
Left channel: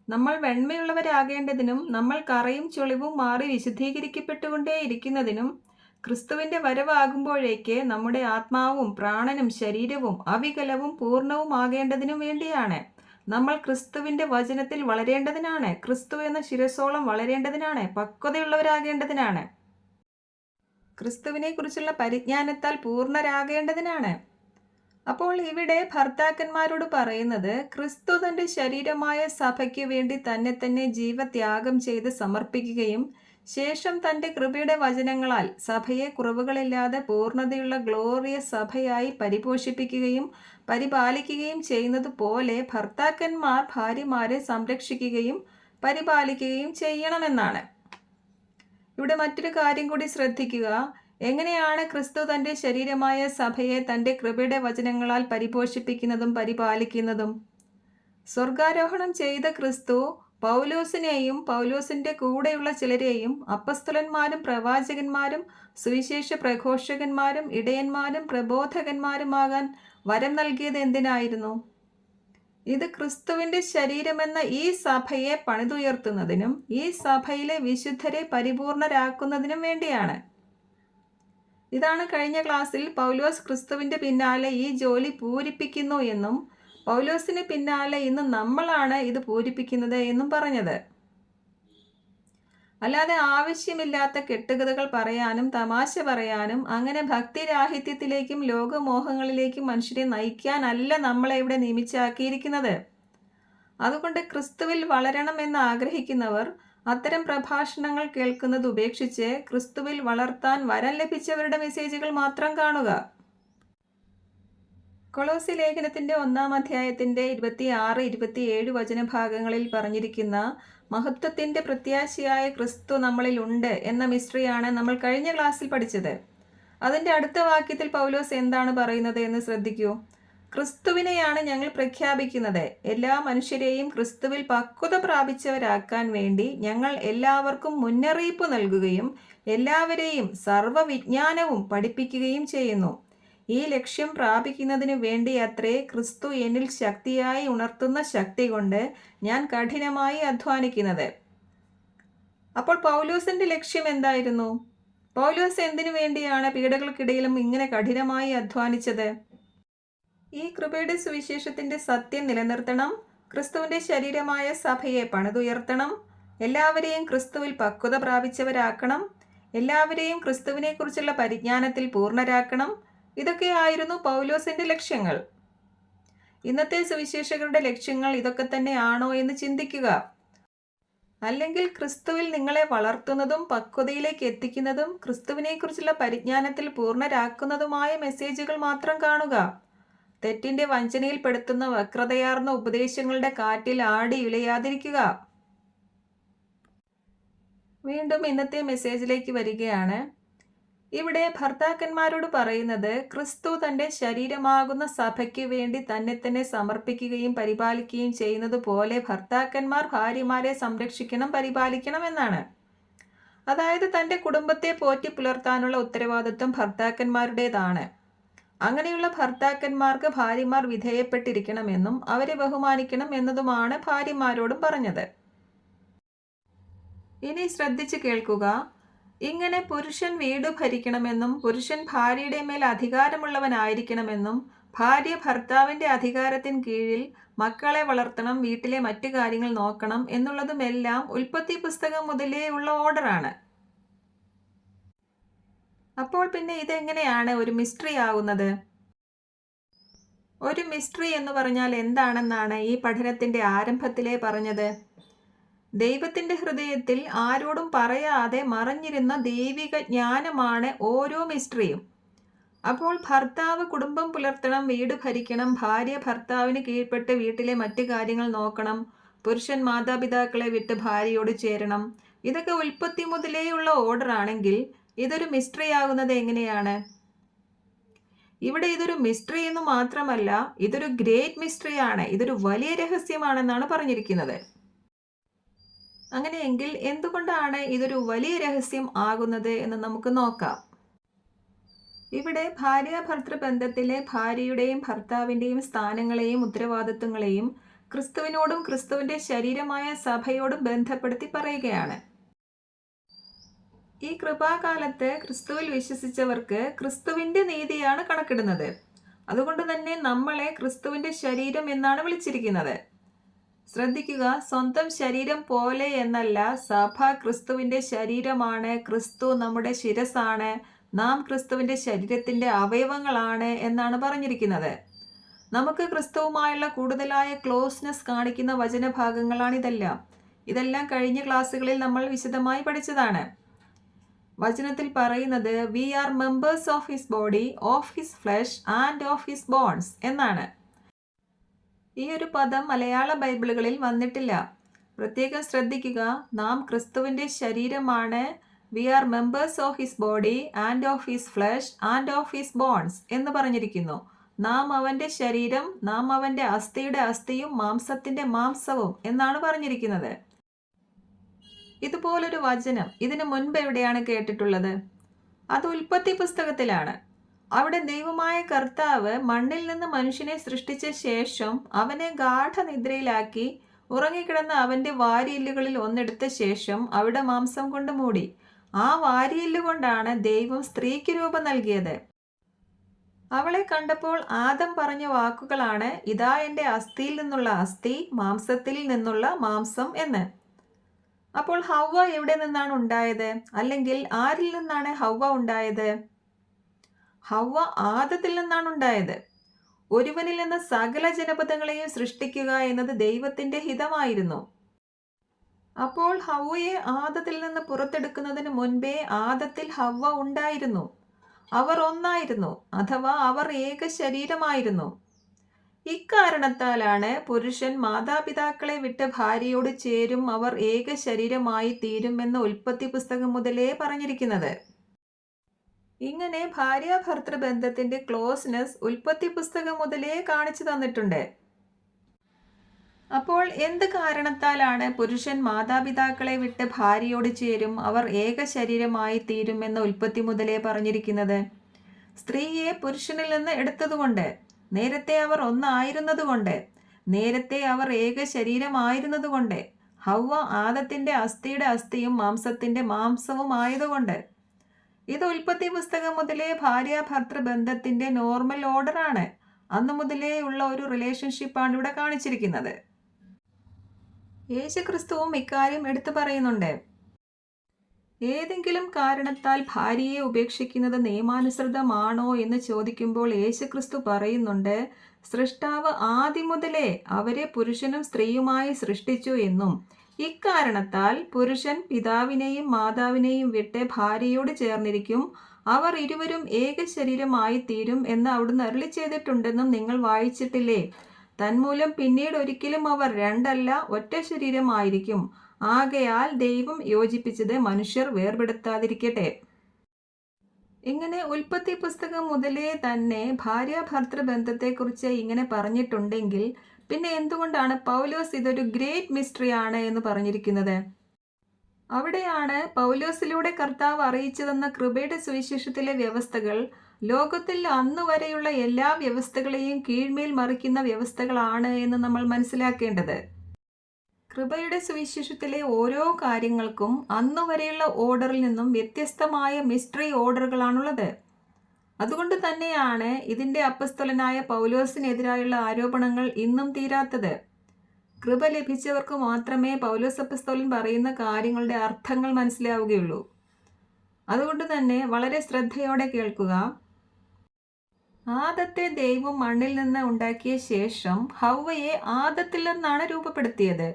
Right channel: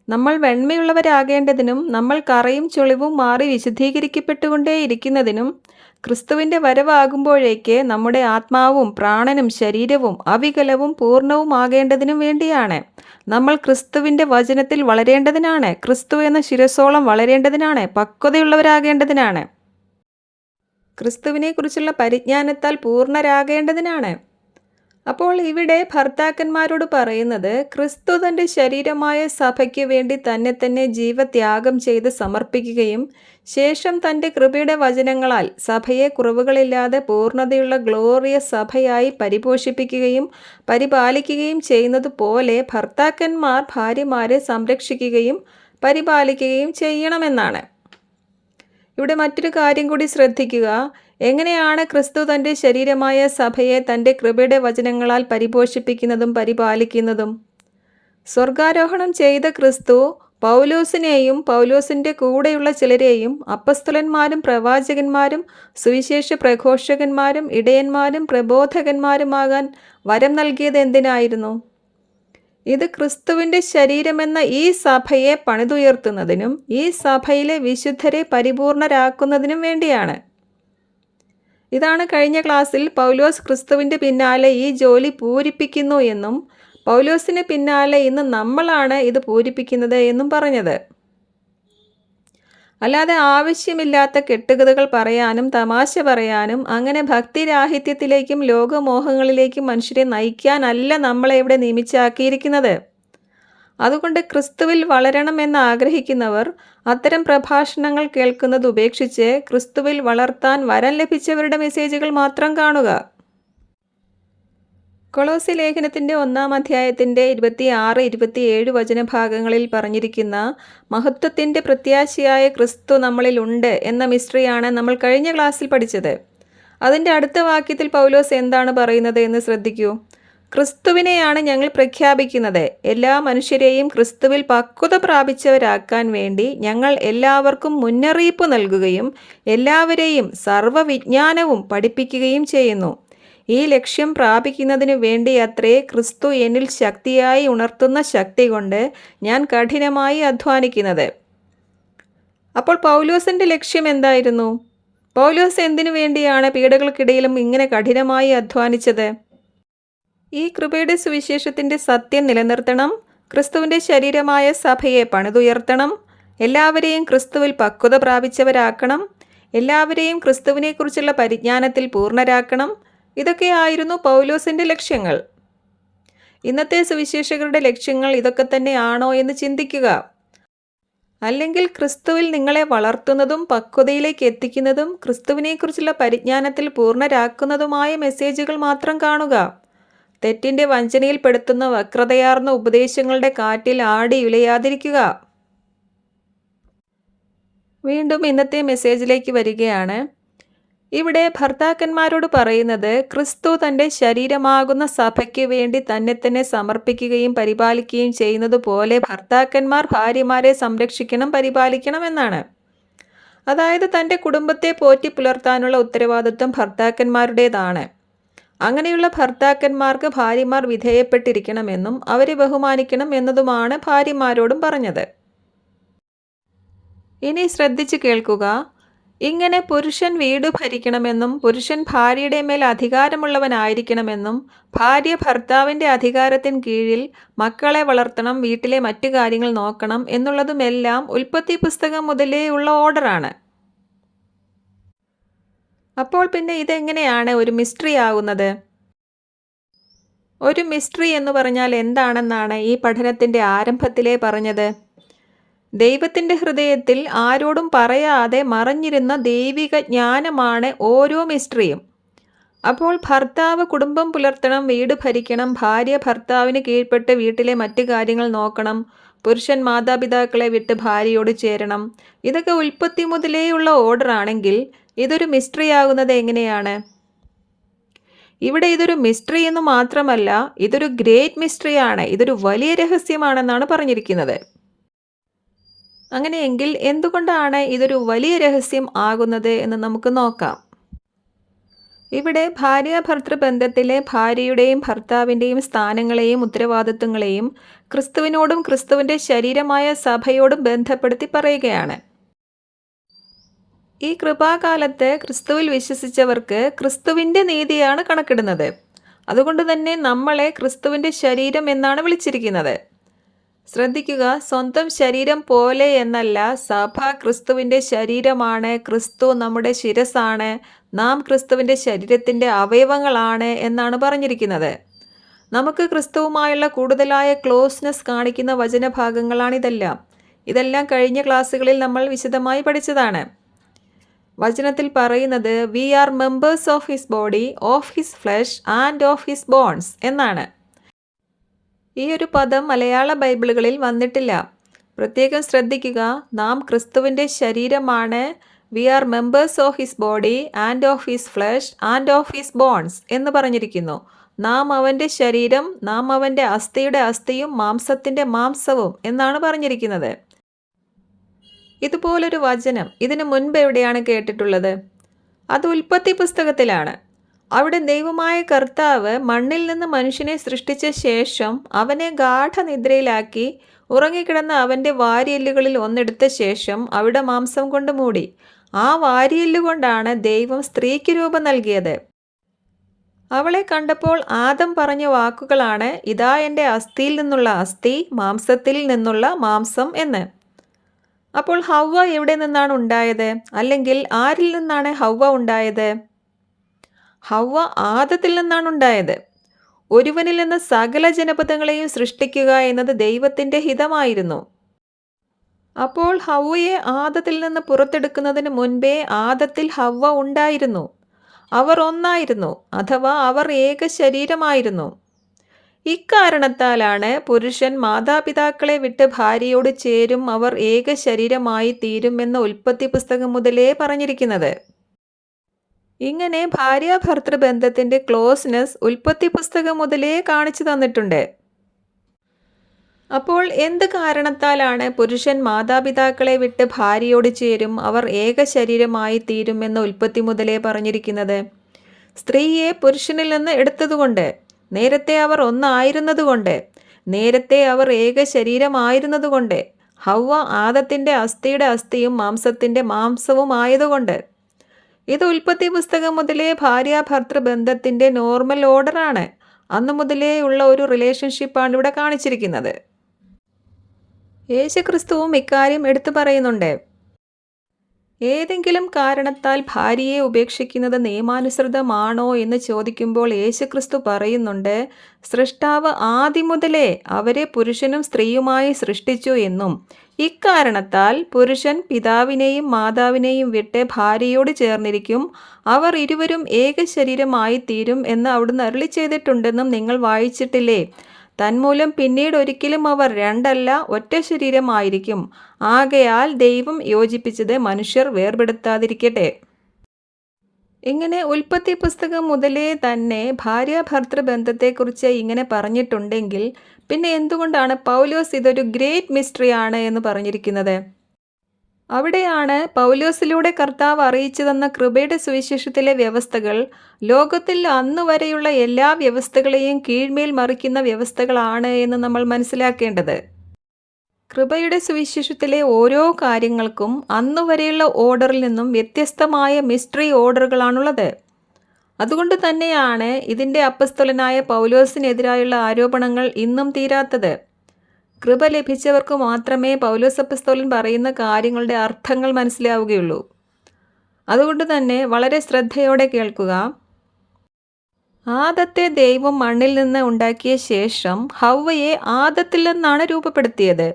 നമ്മൾ വെണ്മയുള്ളവരാകേണ്ടതിനും നമ്മൾ കറയും ചുളിവും മാറി വിശുദ്ധീകരിക്കപ്പെട്ടുകൊണ്ടേയിരിക്കുന്നതിനും ക്രിസ്തുവിൻ്റെ വരവാകുമ്പോഴേക്ക് നമ്മുടെ ആത്മാവും പ്രാണനും ശരീരവും അവികലവും പൂർണ്ണവും ആകേണ്ടതിനും വേണ്ടിയാണ്. നമ്മൾ ക്രിസ്തുവിൻ്റെ വചനത്തിൽ വളരേണ്ടതിനാണ്. ക്രിസ്തു എന്ന ശിരസോളം വളരേണ്ടതിനാണ്. പക്വതയുള്ളവരാകേണ്ടതിനാണ്. ക്രിസ്തുവിനെക്കുറിച്ചുള്ള പരിജ്ഞാനത്താൽ പൂർണ്ണരാകേണ്ടതിനാണ്. അപ്പോൾ ഇവിടെ ഭർത്താക്കന്മാരോട് പറയുന്നത്, ക്രിസ്തു തൻ്റെ ശരീരമായ സഭയ്ക്ക് വേണ്ടി തന്നെ ജീവത്യാഗം ചെയ്ത് സമർപ്പിക്കുകയും ശേഷം തൻ്റെ കൃപയുടെ വചനങ്ങളാൽ സഭയെ കുറവുകളില്ലാതെ പൂർണ്ണതയുള്ള ഗ്ലോറിയസ് സഭയായി പരിപോഷിപ്പിക്കുകയും പരിപാലിക്കുകയും ചെയ്യുന്നത് പോലെ ഭർത്താക്കന്മാർ ഭാര്യമാരെ സംരക്ഷിക്കുകയും പരിപാലിക്കുകയും ചെയ്യണമെന്നാണ്. ഇവിടെ മറ്റൊരു കാര്യം കൂടി ശ്രദ്ധിക്കുക. എങ്ങനെയാണ് ക്രിസ്തു തൻ്റെ ശരീരമായ സഭയെ തൻ്റെ കൃപയുടെ വചനങ്ങളാൽ പരിപോഷിപ്പിക്കുന്നതും പരിപാലിക്കുന്നതും? സ്വർഗാരോഹണം ചെയ്ത ക്രിസ്തു പൗലോസിനെയും പൗലോസിൻ്റെ കൂടെയുള്ള ചിലരെയും അപ്പസ്തലന്മാരും പ്രവാചകന്മാരും സുവിശേഷ പ്രഘോഷകന്മാരും ഇടയന്മാരും പ്രബോധകന്മാരുമാകാൻ വരം നൽകിയത് എന്തിനായിരുന്നു? ഇത് ക്രിസ്തുവിൻ്റെ ശരീരമെന്ന ഈ സഭയെ പണിതുയർത്തുന്നതിനും ഈ സഭയിലെ വിശുദ്ധരെ പരിപൂർണരാക്കുന്നതിനും വേണ്ടിയാണ്. ഇതാണ് കഴിഞ്ഞ ക്ലാസ്സിൽ പൗലോസ് ക്രിസ്തുവിൻ്റെ പിന്നാലെ ഈ ജോലി പൂരിപ്പിക്കുന്നു എന്നും പൗലോസിന് പിന്നാലെ ഇന്ന് നമ്മളാണ് ഇത് പൂരിപ്പിക്കുന്നത് എന്നും പറഞ്ഞത്. അല്ലാതെ ആവശ്യമില്ലാത്ത കെട്ടുകഥകൾ പറയാനും തമാശ പറയാനും അങ്ങനെ ഭക്തിരാഹിത്യത്തിലേക്കും ലോകമോഹങ്ങളിലേക്കും മനുഷ്യരെ നയിക്കാനല്ല നമ്മളെ ഇവിടെ നിയമിച്ചാക്കിയിരിക്കുന്നത്. അതുകൊണ്ട് ക്രിസ്തുവിൽ വളരണമെന്ന് ആഗ്രഹിക്കുന്നവർ അത്തരം പ്രഭാഷണങ്ങൾ കേൾക്കുന്നത് ഉപേക്ഷിച്ച് ക്രിസ്തുവിൽ വളർത്താൻ വരം ലഭിച്ചവരുടെ മെസ്സേജുകൾ മാത്രം കാണുക. കൊളോസി ലേഖനത്തിൻ്റെ 1-ാം അധ്യായത്തിൻ്റെ 26-27 വചനഭാഗങ്ങളിൽ പറഞ്ഞിരിക്കുന്ന മഹത്വത്തിൻ്റെ പ്രത്യാശയായ ക്രിസ്തു നമ്മളിൽ ഉണ്ട് എന്ന മിസ്റ്ററിയാണ് നമ്മൾ കഴിഞ്ഞ ക്ലാസ്സിൽ പഠിച്ചത്. അതിൻ്റെ അടുത്ത വാക്യത്തിൽ പൗലോസ് എന്താണ് പറയുന്നത് എന്ന് ശ്രദ്ധിക്കൂ. ക്രിസ്തുവിനെയാണ് ഞങ്ങൾ പ്രഖ്യാപിക്കുന്നത്. എല്ലാ മനുഷ്യരെയും ക്രിസ്തുവിൽ പക്വത പ്രാപിച്ചവരാക്കാൻ വേണ്ടി ഞങ്ങൾ എല്ലാവർക്കും മുന്നറിയിപ്പ് നൽകുകയും എല്ലാവരെയും സർവ്വവിജ്ഞാനവും പഠിപ്പിക്കുകയും ചെയ്യുന്നു. ഈ ലക്ഷ്യം പ്രാപിക്കുന്നതിനു വേണ്ടി അത്രേ ക്രിസ്തു എന്നിൽ ശക്തിയായി ഉണർത്തുന്ന ശക്തി കൊണ്ട് ഞാൻ കഠിനമായി അധ്വാനിക്കുന്നത്. അപ്പോൾ പൗലോസിൻ്റെ ലക്ഷ്യം എന്തായിരുന്നു? പൗലോസ് എന്തിനു വേണ്ടിയാണ് പീഡകൾക്കിടയിലും ഇങ്ങനെ കഠിനമായി അധ്വാനിച്ചത്? ഈ കൃപയുടെ സുവിശേഷത്തിൻ്റെ സത്യം നിലനിർത്തണം, ക്രിസ്തുവിൻ്റെ ശരീരമായ സഭയെ പണിതുയർത്തണം, എല്ലാവരെയും ക്രിസ്തുവിൽ പക്വത പ്രാപിച്ചവരാക്കണം, എല്ലാവരെയും ക്രിസ്തുവിനെക്കുറിച്ചുള്ള പരിജ്ഞാനത്തിൽ പൂർണ്ണരാക്കണം. ഇതൊക്കെയായിരുന്നു പൗലോസിൻ്റെ ലക്ഷ്യങ്ങൾ. ഇന്നത്തെ സുവിശേഷകരുടെ ലക്ഷ്യങ്ങൾ ഇതൊക്കെ തന്നെയാണോ എന്ന് ചിന്തിക്കുക. അല്ലെങ്കിൽ ക്രിസ്തുവിൽ നിങ്ങളെ വളർത്തുന്നതും പക്വതയിലേക്ക് എത്തിക്കുന്നതും ക്രിസ്തുവിനെക്കുറിച്ചുള്ള പരിജ്ഞാനത്തിൽ പൂർണ്ണരാക്കുന്നതുമായ മെസ്സേജുകൾ മാത്രം കാണുക. തെറ്റിൻ്റെ വഞ്ചനയിൽപ്പെടുത്തുന്ന വക്രതയാർന്ന ഉപദേശങ്ങളുടെ കാറ്റിൽ ആടി ഉലയാതിരിക്കുക. വീണ്ടും ഇന്നത്തെ മെസ്സേജിലേക്ക് വരികയാണ്. ഇവിടെ ഭർത്താക്കന്മാരോട് പറയുന്നത്, ക്രിസ്തു തൻ്റെ ശരീരമാകുന്ന സഭയ്ക്ക് വേണ്ടി തന്നെ സമർപ്പിക്കുകയും പരിപാലിക്കുകയും ചെയ്യുന്നത് പോലെ ഭർത്താക്കന്മാർ ഭാര്യമാരെ സംരക്ഷിക്കണം, പരിപാലിക്കണം എന്നാണ്. അതായത് തൻ്റെ കുടുംബത്തെ പോറ്റി പുലർത്താനുള്ള ഉത്തരവാദിത്വം ഭർത്താക്കന്മാരുടേതാണ്. അങ്ങനെയുള്ള ഭർത്താക്കന്മാർക്ക് ഭാര്യമാർ വിധേയപ്പെട്ടിരിക്കണമെന്നും അവരെ ബഹുമാനിക്കണം എന്നതുമാണ് ഭാര്യമാരോടും പറഞ്ഞത്. ഇനി ശ്രദ്ധിച്ച് കേൾക്കുക. ഇങ്ങനെ പുരുഷൻ വീട് ഭരിക്കണമെന്നും പുരുഷൻ ഭാര്യയുടെ മേൽ അധികാരമുള്ളവനായിരിക്കണമെന്നും ഭാര്യ ഭർത്താവിൻ്റെ അധികാരത്തിന് കീഴിൽ മക്കളെ വളർത്തണം, വീട്ടിലെ മറ്റു കാര്യങ്ങൾ നോക്കണം എന്നുള്ളതുമെല്ലാം ഉൽപ്പത്തി പുസ്തകം മുതലേ ഉള്ള ഓർഡറാണ്. അപ്പോൾ പിന്നെ ഇതെങ്ങനെയാണ് ഒരു മിസ്റ്ററി ആകുന്നത്? ഒരു മിസ്റ്ററി എന്ന് പറഞ്ഞാൽ എന്താണെന്നാണ് ഈ പഠനത്തിൻ്റെ ആരംഭത്തിലേ പറഞ്ഞത്. ദൈവത്തിൻ്റെ ഹൃദയത്തിൽ ആരോടും പറയാതെ മറഞ്ഞിരുന്ന ദൈവിക ജ്ഞാനമാണ് ഓരോ മിസ്റ്ററിയും. അപ്പോൾ ഭർത്താവ് കുടുംബം പുലർത്തണം, വീട് ഭരിക്കണം, ഭാര്യ ഭർത്താവിന് കീഴ്പ്പെട്ട് വീട്ടിലെ മറ്റു കാര്യങ്ങൾ നോക്കണം, പുരുഷൻ മാതാപിതാക്കളെ വിട്ട് ഭാര്യയോട് ചേരണം. ഇതൊക്കെ ഉൽപ്പത്തി മുതലേയുള്ള ഓർഡർ ആണെങ്കിൽ ഇതൊരു മിസ്റ്ററി ആകുന്നത് എങ്ങനെയാണ്? ഇവിടെ ഇതൊരു മിസ്റ്ററി എന്ന് മാത്രമല്ല, ഇതൊരു ഗ്രേറ്റ് മിസ്റ്ററിയാണ്, ഇതൊരു വലിയ രഹസ്യമാണെന്നാണ് പറഞ്ഞിരിക്കുന്നത്. അങ്ങനെയെങ്കിൽ എന്തുകൊണ്ടാണ് ഇതൊരു വലിയ രഹസ്യം ആകുന്നത് എന്ന് നമുക്ക് നോക്കാം. ഇവിടെ ഭാര്യാഭർത്തൃ ബന്ധത്തിലെ ഭാര്യയുടെയും ഭർത്താവിൻ്റെയും സ്ഥാനങ്ങളെയും ഉത്തരവാദിത്വങ്ങളെയും ക്രിസ്തുവിനോടും ക്രിസ്തുവിൻ്റെ ശരീരമായ സഭയോടും ബന്ധപ്പെടുത്തി പറയുകയാണ്. ഈ കൃപാകാലത്ത് ക്രിസ്തുവിൽ വിശ്വസിച്ചവർക്ക് ക്രിസ്തുവിൻ്റെ നീതിയാണ് കണക്കിടുന്നത്. അതുകൊണ്ട് തന്നെ നമ്മളെ ക്രിസ്തുവിൻ്റെ ശരീരം എന്നാണ് വിളിച്ചിരിക്കുന്നത്. ശ്രദ്ധിക്കുക, സ്വന്തം ശരീരം പോലെ എന്നല്ല, സഭ ക്രിസ്തുവിൻ്റെ ശരീരമാണ്, ക്രിസ്തു നമ്മുടെ ശിരസാണ്, നാം ക്രിസ്തുവിൻ്റെ ശരീരത്തിൻ്റെ അവയവങ്ങളാണ് എന്നാണ് പറഞ്ഞിരിക്കുന്നത്. നമുക്ക് ക്രിസ്തുവുമായുള്ള കൂടുതലായ ക്ലോസ്നെസ് കാണിക്കുന്ന വചനഭാഗങ്ങളാണിതെല്ലാം. ഇതെല്ലാം കഴിഞ്ഞ ക്ലാസ്സുകളിൽ നമ്മൾ വിശദമായി പഠിച്ചതാണ്. വചനത്തിൽ പറയുന്നത് we are members of his body, of his flesh and of his bones എന്നാണ്. ഈ ഒരു പദം മലയാള ബൈബിളുകളിൽ വന്നിട്ടില്ല. പ്രത്യേകം ശ്രദ്ധിക്കുക, നാം ക്രിസ്തുവിൻ്റെ ശരീരമാണ്, we are members of his body and of his flesh and of his bones എന്ന് പറഞ്ഞിരിക്കുന്നു. നാം അവൻ്റെ ശരീരം, നാം അവൻ്റെ അസ്ഥിയുടെ അസ്ഥിയും മാംസത്തിൻ്റെ മാംസവും എന്നാണ് പറഞ്ഞിരിക്കുന്നത്. ഇതുപോലൊരു വചനം ഇതിനു മുൻപ് എവിടെയാണ് കേട്ടിട്ടുള്ളത്? അത് ഉൽപ്പത്തി പുസ്തകത്തിലാണ്. അവിടെ ദൈവമായ കർത്താവ് മണ്ണിൽ നിന്ന് മനുഷ്യനെ സൃഷ്ടിച്ച ശേഷം അവനെ ഗാഠനിദ്രയിലാക്കി ഉറങ്ങിക്കിടന്ന അവൻ്റെ വാരിയെല്ലുകളിൽ ഒന്നെടുത്ത ശേഷം അവിടെ മാംസം കൊണ്ട് മൂടി. ആ വാരിയെല്ലുകൊണ്ടാണ് ദൈവം സ്ത്രീക്ക് രൂപം നൽകിയത്. അവളെ കണ്ടപ്പോൾ ആദം പറഞ്ഞ വാക്കുകളാണ്, ഇതാ എൻ്റെ അസ്ഥിയിൽ നിന്നുള്ള അസ്ഥി, മാംസത്തിൽ നിന്നുള്ള മാംസം എന്ന്. അപ്പോൾ ഹവ്വ എവിടെ നിന്നാണ് ഉണ്ടായത്? അല്ലെങ്കിൽ ആരിൽ നിന്നാണ് ഹവ്വ ഉണ്ടായത്? ഹവ്വ ആദത്തിൽ നിന്നാണ് ഉണ്ടായത്. ഒരുവനിൽ നിന്ന് സകല ജനപദങ്ങളെയും സൃഷ്ടിക്കുക എന്നത് ദൈവത്തിൻ്റെ ഹിതമായിരുന്നു. അപ്പോൾ ഹവ്വയെ ആദത്തിൽ നിന്ന് പുറത്തെടുക്കുന്നതിന് മുൻപേ ആദത്തിൽ ഹവ്വ ഉണ്ടായിരുന്നു. അവർ ഒന്നായിരുന്നു, അഥവാ അവർ ഏക ശരീരമായിരുന്നു. ഇക്കാരണത്താലാണ് പുരുഷൻ മാതാപിതാക്കളെ വിട്ട് ഭാര്യയോട് ചേരും, അവർ ഏക ശരീരമായി തീരും എന്ന് ഉൽപ്പത്തി പുസ്തകം മുതലേ പറഞ്ഞിരിക്കുന്നത്. ഇങ്ങനെ ഭാര്യാഭർത്തൃ ബന്ധത്തിൻ്റെ ക്ലോസ്നെസ് ഉൽപ്പത്തി പുസ്തകം മുതലേ കാണിച്ചു തന്നിട്ടുണ്ട്. അപ്പോൾ എന്ത് കാരണത്താലാണ് പുരുഷൻ മാതാപിതാക്കളെ വിട്ട് ഭാര്യയോട് ചേരും, അവർ ഏക ശരീരമായി തീരും എന്ന് ഉൽപ്പത്തി മുതലേ പറഞ്ഞിരിക്കുന്നത്? സ്ത്രീയെ പുരുഷനിൽ നിന്ന് എടുത്തതുകൊണ്ട്, നേരത്തെ അവർ ഒന്നായിരുന്നതുകൊണ്ട്, നേരത്തെ അവർ ഏക ശരീരമായിരുന്നതുകൊണ്ട്, ഹവ്വ ആദത്തിൻ്റെ അസ്ഥിയുടെ അസ്ഥിയും മാംസത്തിൻ്റെ മാംസവും ആയതുകൊണ്ട്. ഇത് ഉൽപ്പത്തി പുസ്തകം മുതലേ ഭാര്യാഭർത്തൃ ബന്ധത്തിൻ്റെ നോർമൽ ഓർഡറാണ്. അന്നു മുതലേ ഉള്ള ഒരു റിലേഷൻഷിപ്പാണ് ഇവിടെ കാണിച്ചിരിക്കുന്നത്. യേശുക്രിസ്തുവും ഇക്കാര്യം എടുത്തു പറയുന്നുണ്ട്. ഏതെങ്കിലും കാരണത്താൽ ഭാര്യയെ ഉപേക്ഷിക്കുന്നത് നിയമാനുസൃതമാണോ എന്ന് ചോദിക്കുമ്പോൾ യേശുക്രിസ്തു പറയുന്നുണ്ട്, സൃഷ്ടാവ് ആദ്യം മുതലേ അവരെ പുരുഷനും സ്ത്രീയുമായി സൃഷ്ടിച്ചു എന്നും ഇക്കാരണത്താൽ പുരുഷൻ പിതാവിനെയും മാതാവിനെയും വിട്ട് ഭാര്യയോട് ചേർന്നിരിക്കും, അവർ ഇരുവരും ഏക ശരീരമായി തീരും എന്ന് അവിടുന്ന് അരുളി ചെയ്തിട്ടുണ്ടെന്നും നിങ്ങൾ വായിച്ചിട്ടില്ലേ? തന്മൂലം പിന്നീട് ഒരിക്കലും അവർ രണ്ടല്ല ഒറ്റ ശരീരമായിരിക്കും. ആകയാൽ ദൈവം യോജിപ്പിച്ചത് മനുഷ്യർ വേർപെടുത്താതിരിക്കട്ടെ. ഇങ്ങനെ ഉൽപ്പത്തി പുസ്തകം മുതലേ തന്നെ ഭാര്യാഭർത്തൃ ബന്ധത്തെക്കുറിച്ച് ഇങ്ങനെ പറഞ്ഞിട്ടുണ്ടെങ്കിൽ പിന്നെ എന്തുകൊണ്ടാണ് പൗലോസ് ഇതൊരു ഗ്രേറ്റ് മിസ്റ്ററി ആണ് എന്ന് പറഞ്ഞിരിക്കുന്നത്? അവിടെയാണ് പൗലോസിലൂടെ കർത്താവ് അറിയിച്ചു തന്ന കൃപയുടെ സുവിശേഷത്തിലെ വ്യവസ്ഥകൾ ലോകത്തിൽ അന്നുവരെയുള്ള എല്ലാ വ്യവസ്ഥകളെയും കീഴ്മേൽ മറിക്കുന്ന വ്യവസ്ഥകളാണ് എന്ന് നമ്മൾ മനസ്സിലാക്കേണ്ടത്. കൃപയുടെ സുവിശേഷത്തിലെ ഓരോ കാര്യങ്ങൾക്കും അന്നുവരെയുള്ള ഓർഡറിൽ നിന്നും വ്യത്യസ്തമായ മിസ്റ്ററി ഓർഡറുകളാണുള്ളത്. അതുകൊണ്ട് തന്നെയാണ് ഇതിൻ്റെ അപ്പസ്തലനായ പൗലോസിനെതിരായുള്ള ആരോപണങ്ങൾ ഇന്നും തീരാത്തത്. കൃപ ലഭിച്ചവർക്ക് മാത്രമേ പൗലോസ് അപ്പസ്തോലൻ പറയുന്ന കാര്യങ്ങളുടെ അർത്ഥങ്ങൾ മനസ്സിലാവുകയുള്ളൂ. അതുകൊണ്ട് തന്നെ വളരെ ശ്രദ്ധയോടെ കേൾക്കുക. ആദത്തെ ദൈവം മണ്ണിൽ നിന്ന് ഉണ്ടാക്കിയ ശേഷം ഹവ്വയെ ആദത്തിൽ നിന്നാണ് രൂപപ്പെടുത്തിയത്.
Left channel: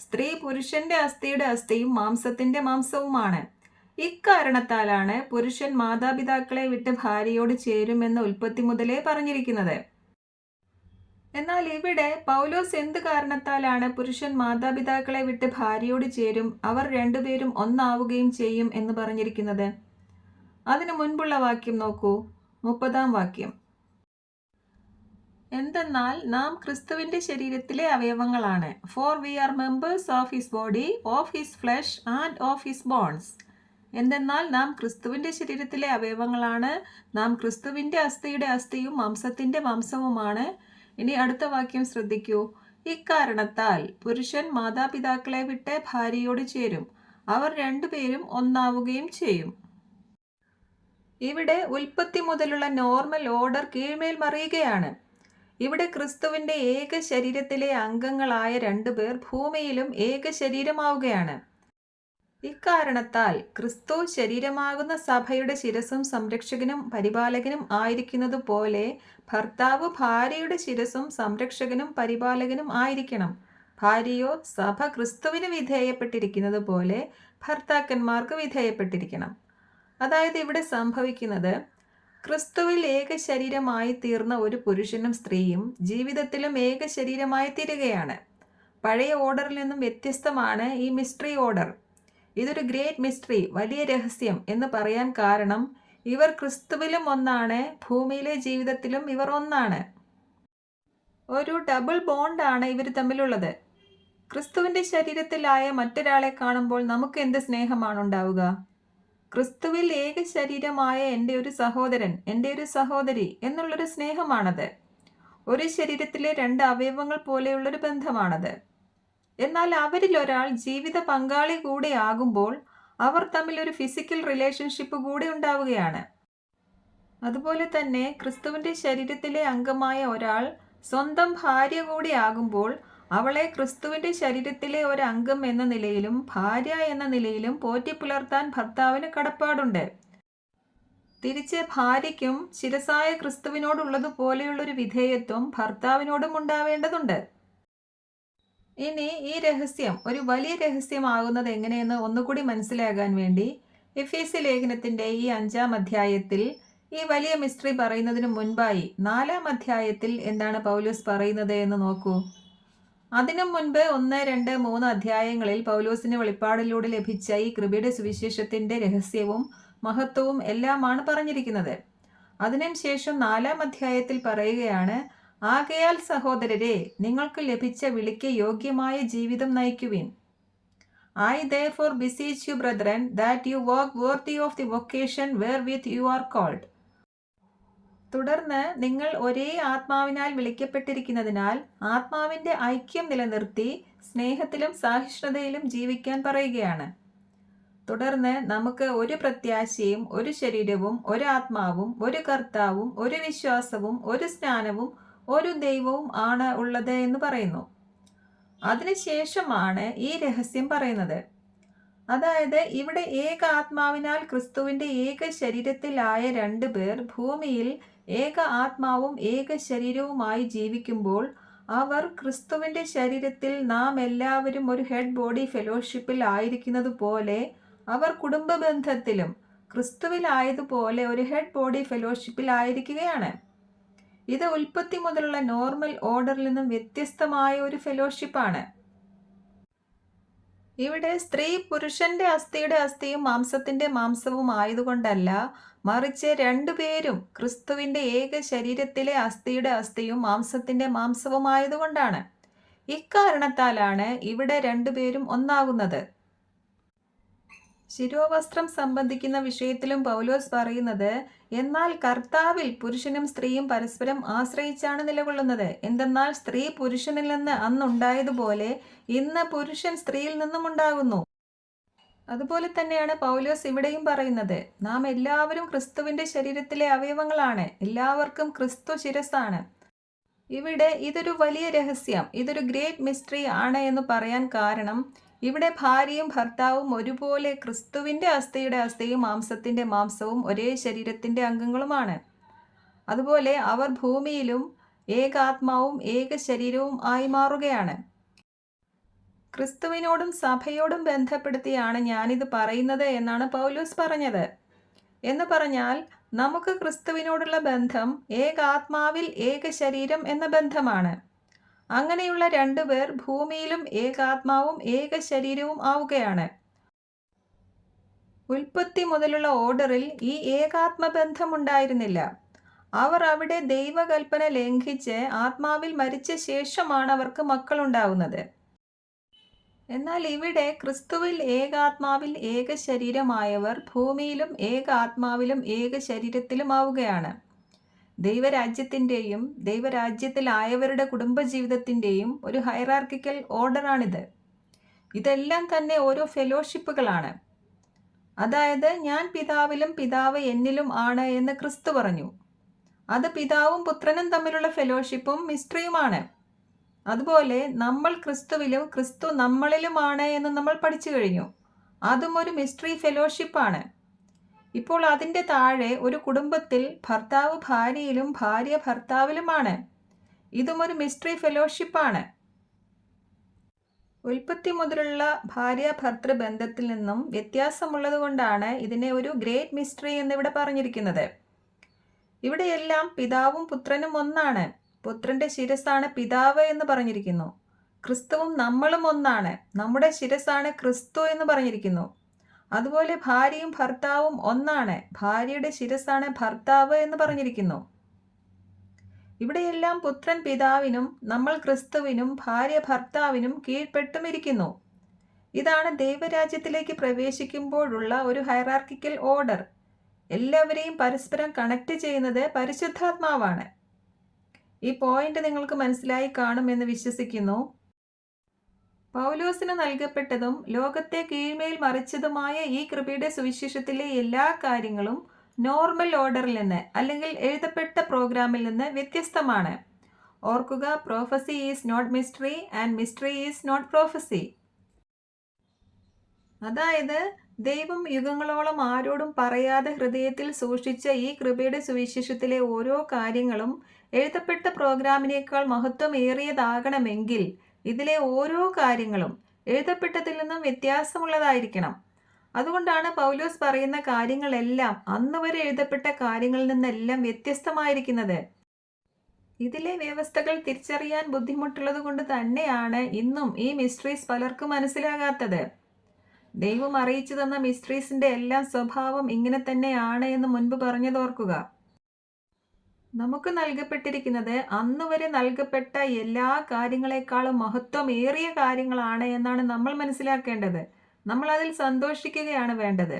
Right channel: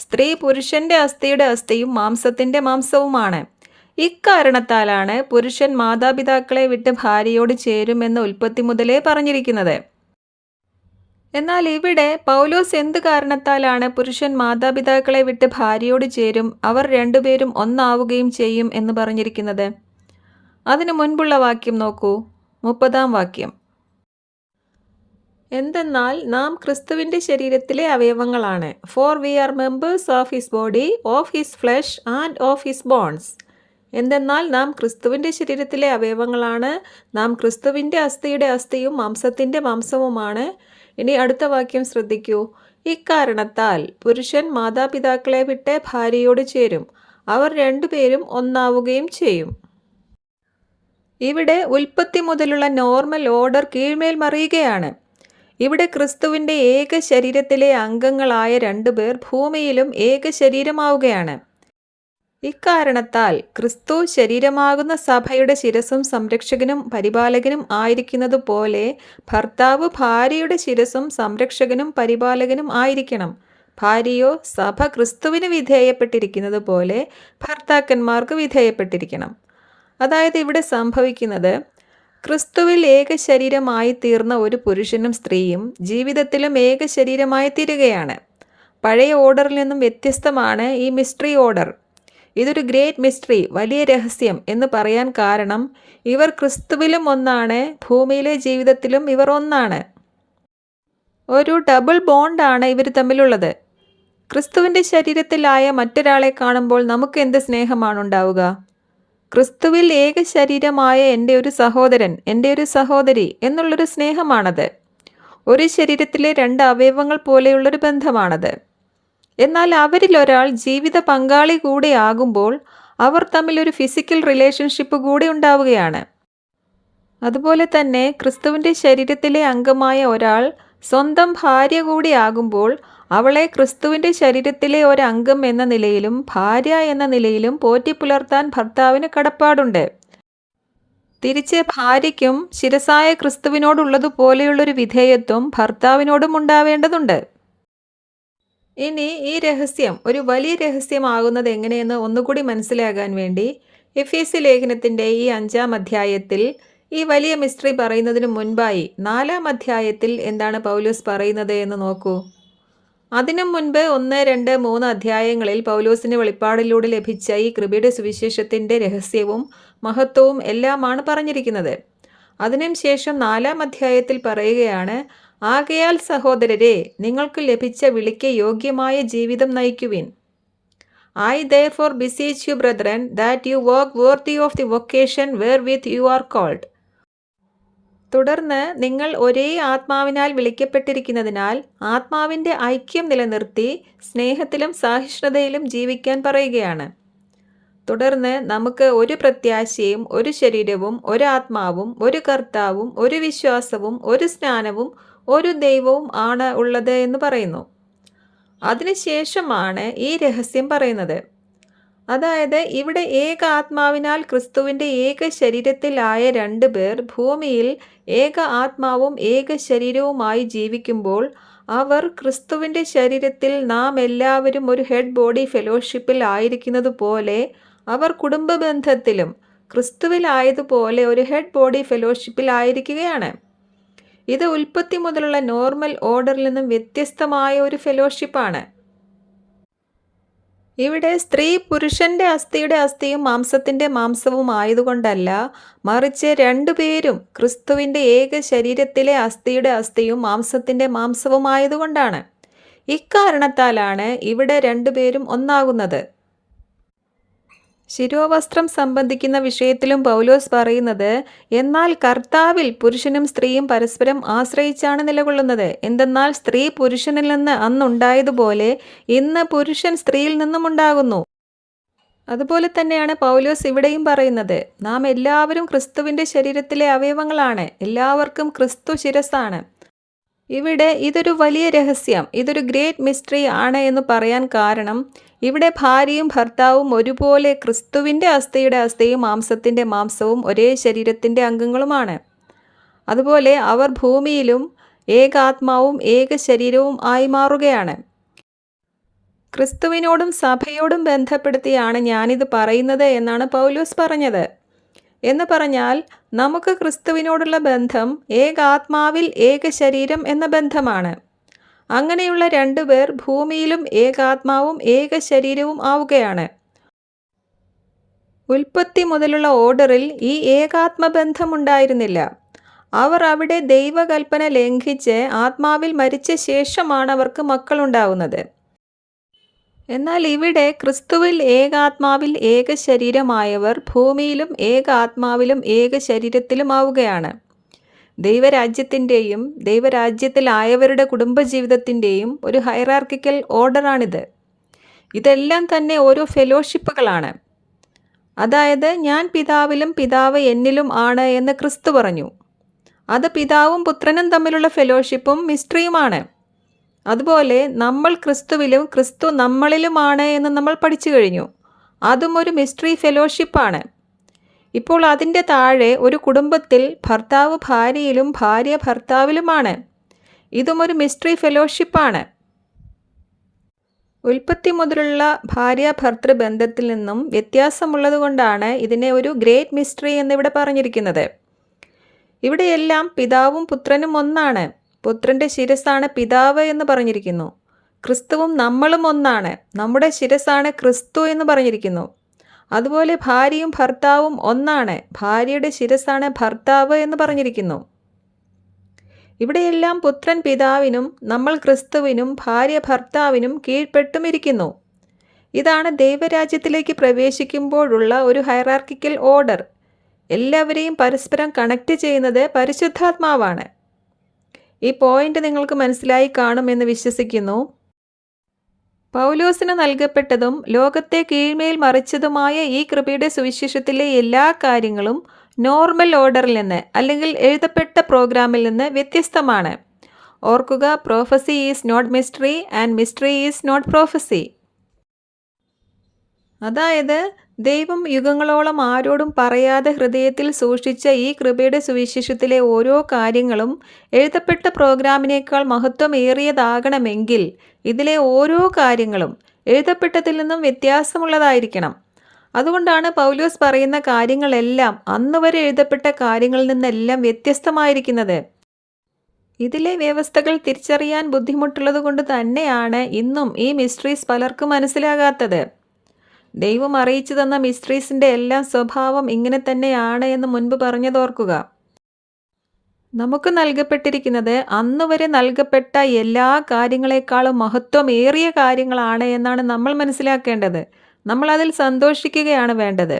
സ്ത്രീ പുരുഷന്റെ അസ്ഥിയുടെ അസ്ഥിയും മാംസത്തിൻ്റെ മാംസവുമാണ്. ഇക്കാരണത്താലാണ് പുരുഷൻ മാതാപിതാക്കളെ വിട്ട് ഭാര്യയോട് ചേരുമെന്ന് ഉൽപ്പത്തി മുതലേ പറഞ്ഞിരിക്കുന്നത്. എന്നാൽ ഇവിടെ പൗലോസ് എന്ത് കാരണത്താലാണ് പുരുഷൻ മാതാപിതാക്കളെ വിട്ട് ഭാര്യയോട് ചേരും, അവർ രണ്ടുപേരും ഒന്നാവുകയും ചെയ്യും എന്ന് പറഞ്ഞിരിക്കുന്നത്? അതിനു മുൻപുള്ള വാക്യം നോക്കൂ, 30-ാം വാക്യം. എന്തെന്നാൽ നാം ക്രിസ്തുവിൻ്റെ ശരീരത്തിലെ അവയവങ്ങളാണ്. For we are members of his body, of his flesh and of his bones. എന്തെന്നാൽ നാം ക്രിസ്തുവിൻ്റെ ശരീരത്തിലെ അവയവങ്ങളാണ്, നാം ക്രിസ്തുവിൻ്റെ അസ്ഥിയുടെ അസ്ഥിയും മാംസത്തിൻ്റെ മാംസവുമാണ്. ഇനി അടുത്ത വാക്യം ശ്രദ്ധിക്കൂ. ഇക്കാരണത്താൽ പുരുഷൻ മാതാപിതാക്കളെ വിട്ട് ഭാര്യയോട് ചേരും, അവർ രണ്ടുപേരും ഒന്നാവുകയും ചെയ്യും. ഇവിടെ ഉൽപ്പത്തി മുതലുള്ള നോർമൽ ഓർഡർ കീഴ്മേൽ മറിയുകയാണ്. ഇവിടെ ക്രിസ്തുവിൻ്റെ ഏക ശരീരത്തിലെ അംഗങ്ങളായ രണ്ടുപേർ ഭൂമിയിലും ഏക ശരീരമാവുകയാണ്. ഇക്കാരണത്താൽ ക്രിസ്തു ശരീരമാകുന്ന സഭയുടെ ശിരസും സംരക്ഷകനും പരിപാലകനും ആയിരിക്കുന്നത് പോലെ ഭർത്താവ് ഭാര്യയുടെ ശിരസും സംരക്ഷകനും പരിപാലകനും ആയിരിക്കണം. ഭാര്യയോ സഭ ക്രിസ്തുവിന് വിധേയപ്പെട്ടിരിക്കുന്നത് പോലെ ഭർത്താക്കന്മാർക്ക് വിധേയപ്പെട്ടിരിക്കണം. അതായത് ഇവിടെ സംഭവിക്കുന്നത്, ക്രിസ്തുവിൽ ഏക ശരീരമായി തീർന്ന ഒരു പുരുഷനും സ്ത്രീയും ജീവിതത്തിലും ഏക ശരീരമായി തീരുകയാണ്. പഴയ ഓർഡറിൽ നിന്നും വ്യത്യസ്തമാണ് ഈ മിസ്റ്ററി ഓർഡർ. ഇതൊരു ഗ്രേറ്റ് മിസ്റ്ററി, വലിയ രഹസ്യം എന്ന് പറയാൻ കാരണം ഇവർ ക്രിസ്തുവിലും ഒന്നാണ്, ഭൂമിയിലെ ജീവിതത്തിലും ഇവർ ഒന്നാണ്. ഒരു ഡബിൾ ബോണ്ടാണ് ഇവർ തമ്മിലുള്ളത്. ക്രിസ്തുവിൻ്റെ ശരീരത്തിലായ മറ്റൊരാളെ കാണുമ്പോൾ നമുക്ക് എന്ത് സ്നേഹമാണ് ഉണ്ടാവുക? ക്രിസ്തുവിൽ ഏക ശരീരമായ എൻ്റെ ഒരു സഹോദരൻ, എൻ്റെ ഒരു സഹോദരി എന്നുള്ളൊരു സ്നേഹമാണത്. ഒരു ശരീരത്തിലെ രണ്ട് അവയവങ്ങൾ പോലെയുള്ളൊരു ബന്ധമാണത്. എന്നാൽ അവരിൽ ഒരാൾ ജീവിത പങ്കാളി കൂടെ ആകുമ്പോൾ അവർ തമ്മിൽ ഒരു ഫിസിക്കൽ റിലേഷൻഷിപ്പ് കൂടി ഉണ്ടാവുകയാണ്. അതുപോലെ തന്നെ ക്രിസ്തുവിൻ്റെ ശരീരത്തിലെ അംഗമായ ഒരാൾ സ്വന്തം ഭാര്യ കൂടി ആകുമ്പോൾ അവളെ ക്രിസ്തുവിൻ്റെ ശരീരത്തിലെ ഒരംഗം എന്ന നിലയിലും ഭാര്യ എന്ന നിലയിലും പോറ്റിപ്പുലർത്താൻ ഭർത്താവിന് കടപ്പാടുണ്ട്. തിരിച്ച് ഭാര്യയ്ക്കും ശിരസായ ക്രിസ്തുവിനോടുള്ളതുപോലെയുള്ളൊരു വിധേയത്വം ഭർത്താവിനോടും ഉണ്ടാവേണ്ടതുണ്ട്. ഇനി ഈ രഹസ്യം ഒരു വലിയ രഹസ്യമാകുന്നത് എങ്ങനെയെന്ന് ഒന്നുകൂടി മനസ്സിലാകാൻ വേണ്ടി എഫേസ്യ ലേഖനത്തിൻ്റെ ഈ 5-ാം അധ്യായത്തിൽ ഈ വലിയ മിസ്റ്ററി പറയുന്നതിന് മുൻപായി 4-ാം അധ്യായത്തിൽ എന്താണ് പൗലോസ് പറയുന്നത് എന്ന് നോക്കൂ. അതിനു മുൻപ് 1, 2, 3 അധ്യായങ്ങളിൽ പൗലോസിന് വെളിപ്പാടിലൂടെ ലഭിച്ച ഈ കൃപയുടെ സുവിശേഷത്തിൻ്റെ രഹസ്യവും മഹത്വവും എല്ലാമാണ് പറഞ്ഞിരിക്കുന്നത്. അതിനും ശേഷം 4-ാം അധ്യായത്തിൽ പറയുകയാണ്, ആകയാൽ സഹോദരരെ, നിങ്ങൾക്ക് ലഭിച്ച വിളിക്ക് യോഗ്യമായ ജീവിതം നയിക്കുവിൻ. I therefore beseech you, brethren, that you walk worthy of the vocation wherewith you are called. തുടർന്ന് നിങ്ങൾ ഒരേ ആത്മാവിനാൽ വിളിക്കപ്പെട്ടിരിക്കുന്നതിനാൽ ആത്മാവിൻ്റെ ഐക്യം നിലനിർത്തി സ്നേഹത്തിലും സഹിഷ്ണുതയിലും ജീവിക്കാൻ പറയുകയാണ്. തുടർന്ന് നമുക്ക് ഒരു പ്രത്യാശയും ഒരു ശരീരവും ഒരാത്മാവും ഒരു കർത്താവും ഒരു വിശ്വാസവും ഒരു സ്നാനവും ഒരു ദൈവവും ആണ് ഉള്ളത് എന്ന് പറയുന്നു. അതിനുശേഷമാണ് ഈ രഹസ്യം പറയുന്നത്. അതായത് ഇവിടെ ഏക ആത്മാവിനാൽ ക്രിസ്തുവിൻ്റെ ഏക ശരീരത്തിലായ രണ്ടുപേർ ഭൂമിയിൽ ഏക ആത്മാവും ഏക ശരീരവുമായി ജീവിക്കുമ്പോൾ അവർ ക്രിസ്തുവിൻ്റെ ശരീരത്തിൽ നാം എല്ലാവരും ഒരു ഹെഡ് ബോഡി ഫെലോഷിപ്പിൽ ആയിരിക്കുന്നത് പോലെ അവർ കുടുംബ ബന്ധത്തിലും ക്രിസ്തുവിലായതുപോലെ ഒരു ഹെഡ് ബോഡി ഫെലോഷിപ്പിൽ ആയിരിക്കുകയാണ്. ഇത് ഉൽപ്പത്തി മുതലുള്ള നോർമൽ ഓർഡറിൽ നിന്നും വ്യത്യസ്തമായ ഒരു ഫെലോഷിപ്പാണ്. ഇവിടെ സ്ത്രീ പുരുഷന്റെ അസ്ഥിയുടെ അസ്ഥിയും മാംസത്തിൻ്റെ മാംസവും ആയതുകൊണ്ടല്ല, മറിച്ച് രണ്ടുപേരും ക്രിസ്തുവിൻ്റെ ഏക ശരീരത്തിലെ അസ്ഥിയുടെ അസ്ഥിയും മാംസത്തിൻ്റെ മാംസവും ആയതുകൊണ്ടാണ്. ഇക്കാരണത്താലാണ് ഇവിടെ രണ്ടുപേരും ഒന്നാകുന്നത്. ശിരോവസ്ത്രം സംബന്ധിക്കുന്ന വിഷയത്തിലും പൗലോസ് പറയുന്നത്, എന്നാൽ കർത്താവിൽ പുരുഷനും സ്ത്രീയും പരസ്പരം ആശ്രയിച്ചാണ് നിലകൊള്ളുന്നത്. എന്തെന്നാൽ സ്ത്രീ പുരുഷനിൽ നിന്ന് അന്നുണ്ടായതുപോലെ ഇന്ന് പുരുഷൻ സ്ത്രീയിൽ നിന്നും ഉണ്ടാകുന്നു. അതുപോലെ തന്നെയാണ് പൗലോസ് ഇവിടെയും പറയുന്നത്, നാം എല്ലാവരും ക്രിസ്തുവിൻ്റെ ശരീരത്തിലെ അവയവങ്ങളാണ്, എല്ലാവർക്കും ക്രിസ്തു ശിരസ്സാണ്. ഇവിടെ ഇതൊരു വലിയ രഹസ്യം, ഇതൊരു ഗ്രേറ്റ് മിസ്റ്ററി ആണ് എന്ന് പറയാൻ കാരണം, ഇവിടെ ഭാര്യയും ഭർത്താവും ഒരുപോലെ ക്രിസ്തുവിൻ്റെ അസ്ഥിയുടെ അസ്ഥിയും മാംസത്തിൻ്റെ മാംസവും ഒരേ ശരീരത്തിൻ്റെ അംഗങ്ങളുമാണ്. അതുപോലെ അവർ ഭൂമിയിലും ഏകാത്മാവും ഏക ശരീരവും ആയി മാറുകയാണ്. ക്രിസ്തുവിനോടും സഭയോടും ബന്ധപ്പെടുത്തിയാണ് ഞാനിത് പറയുന്നത് എന്നാണ് പൗലോസ് പറഞ്ഞത്. എന്ന് പറഞ്ഞാൽ നമുക്ക് ക്രിസ്തുവിനോടുള്ള ബന്ധം ഏകാത്മാവിൽ ഏക ശരീരം എന്ന ബന്ധമാണ്. അങ്ങനെയുള്ള രണ്ടുപേർ ഭൂമിയിലും ഏകാത്മാവും ഏക ശരീരവും ആവുകയാണ്. ഉൽപ്പത്തി മുതലുള്ള ഓർഡറിൽ ഈ ഏകാത്മബന്ധമുണ്ടായിരുന്നില്ല. അവർ അവിടെ ദൈവകൽപ്പന ലംഘിച്ച് ആത്മാവിൽ മരിച്ച ശേഷമാണ് അവർക്ക് മക്കളുണ്ടാവുന്നത്. എന്നാൽ ഇവിടെ ക്രിസ്തുവിൽ ഏകാത്മാവിൽ ഏക ശരീരമായവർ ഭൂമിയിലും ഏകാത്മാവിലും ഏക ശരീരത്തിലുമാവുകയാണ്. ദൈവരാജ്യത്തിൻ്റെയും ദൈവരാജ്യത്തിലായവരുടെ കുടുംബജീവിതത്തിൻ്റെയും ഒരു ഹൈറാർക്കിക്കൽ ഓർഡറാണിത്. ഇതെല്ലാം തന്നെ ഓരോ ഫെലോഷിപ്പുകളാണ്. അതായത് ഞാൻ പിതാവിലും പിതാവ് എന്നിലും ആണ് എന്ന് ക്രിസ്തു പറഞ്ഞു. അത് പിതാവും പുത്രനും തമ്മിലുള്ള ഫെലോഷിപ്പും മിസ്റ്ററിയുമാണ്. അതുപോലെ നമ്മൾ ക്രിസ്തുവിലും ക്രിസ്തു നമ്മളിലുമാണ് എന്ന് നമ്മൾ പഠിച്ചു കഴിഞ്ഞു. അതും ഒരു മിസ്റ്ററി ഫെലോഷിപ്പാണ്. ഇപ്പോൾ അതിൻ്റെ താഴെ ഒരു കുടുംബത്തിൽ ഭർത്താവ് ഭാര്യയിലും ഭാര്യ ഭർത്താവിലുമാണ്. ഇതും ഒരു മിസ്റ്ററി ഫെലോഷിപ്പാണ്. ഉൽപ്പത്തി മുതലുള്ള ഭാര്യ ഭർത്തൃ ബന്ധത്തിൽ നിന്നും വ്യത്യാസമുള്ളതുകൊണ്ടാണ് ഇതിനെ ഒരു ഗ്രേറ്റ് മിസ്റ്ററി എന്നിവിടെ പറഞ്ഞിരിക്കുന്നത്. ഇവിടെയെല്ലാം പിതാവും പുത്രനും ഒന്നാണ്. പുത്രൻ്റെ ശിരസ്സാണ് പിതാവ് എന്ന് പറഞ്ഞിരിക്കുന്നു. ക്രിസ്തുവും നമ്മളും ഒന്നാണ്. നമ്മുടെ ശിരസ്സാണ് ക്രിസ്തു എന്ന് പറഞ്ഞിരിക്കുന്നു. അതുപോലെ ഭാര്യയും ഭർത്താവും ഒന്നാണ്. ഭാര്യയുടെ ശിരസ്സാണ് ഭർത്താവ് എന്ന് പറഞ്ഞിരിക്കുന്നു. ഇവിടെയെല്ലാം പുത്രൻ പിതാവിനും നമ്മൾ ക്രിസ്തുവിനും ഭാര്യ ഭർത്താവിനും കീഴ്പ്പെട്ടുമിരിക്കുന്നു. ഇതാണ് ദൈവരാജ്യത്തിലേക്ക് പ്രവേശിക്കുമ്പോഴുള്ള ഒരു ഹൈറാർക്കിക്കൽ ഓർഡർ. എല്ലാവരെയും പരസ്പരം കണക്റ്റ് ചെയ്യുന്നത് പരിശുദ്ധാത്മാവാണ്. ഈ പോയിന്റ് നിങ്ങൾക്ക് മനസ്സിലായി കാണുമെന്ന് വിശ്വസിക്കുന്നു. പൗലോസിന് നൽകപ്പെട്ടതും ലോകത്തെ കീഴ്മേൽ മറിച്ചതുമായ ഈ കൃപയുടെ സുവിശേഷത്തിലെ എല്ലാ കാര്യങ്ങളും നോർമൽ ഓർഡറിൽ നിന്ന് അല്ലെങ്കിൽ എഴുതപ്പെട്ട പ്രോഗ്രാമിൽ നിന്ന് വ്യത്യസ്തമാണ്. ഓർക്കുക, prophecy is not mystery and mystery is not prophecy. അതായത് ദൈവം യുഗങ്ങളോളം ആരോടും പറയാതെ ഹൃദയത്തിൽ സൂക്ഷിച്ച ഈ കൃപയുടെ സുവിശേഷത്തിലെ ഓരോ കാര്യങ്ങളും എഴുതപ്പെട്ട പ്രോഗ്രാമിനേക്കാൾ മഹത്വമേറിയതാകണമെങ്കിൽ ഇതിലെ ഓരോ കാര്യങ്ങളും എഴുതപ്പെട്ടതിൽ നിന്നും വ്യത്യാസമുള്ളതായിരിക്കണം. അതുകൊണ്ടാണ് പൗലോസ് പറയുന്ന കാര്യങ്ങളെല്ലാം അന്നുവരെ എഴുതപ്പെട്ട കാര്യങ്ങളിൽ നിന്നെല്ലാം വ്യത്യസ്തമായിരിക്കുന്നത്. ഇതിലെ വ്യവസ്ഥകൾ തിരിച്ചറിയാൻ ബുദ്ധിമുട്ടുള്ളത് കൊണ്ട് തന്നെയാണ് ഇന്നും ഈ മിസ്റ്ററീസ് പലർക്കും മനസ്സിലാകാത്തത്. ദൈവം അറിയിച്ചു തന്ന മിസ്റ്ററീസിൻ്റെ എല്ലാം സ്വഭാവം ഇങ്ങനെ തന്നെയാണ് എന്ന് മുൻപ് പറഞ്ഞതോർക്കുക. നമുക്ക് നൽകപ്പെട്ടിരിക്കുന്നത് അന്നുവരെ നൽകപ്പെട്ട എല്ലാ കാര്യങ്ങളെക്കാളും മഹത്വമേറിയ കാര്യങ്ങളാണ് എന്നാണ് നമ്മൾ മനസ്സിലാക്കേണ്ടത്. നമ്മൾ അതിൽ സന്തോഷിക്കുകയാണ് വേണ്ടത്.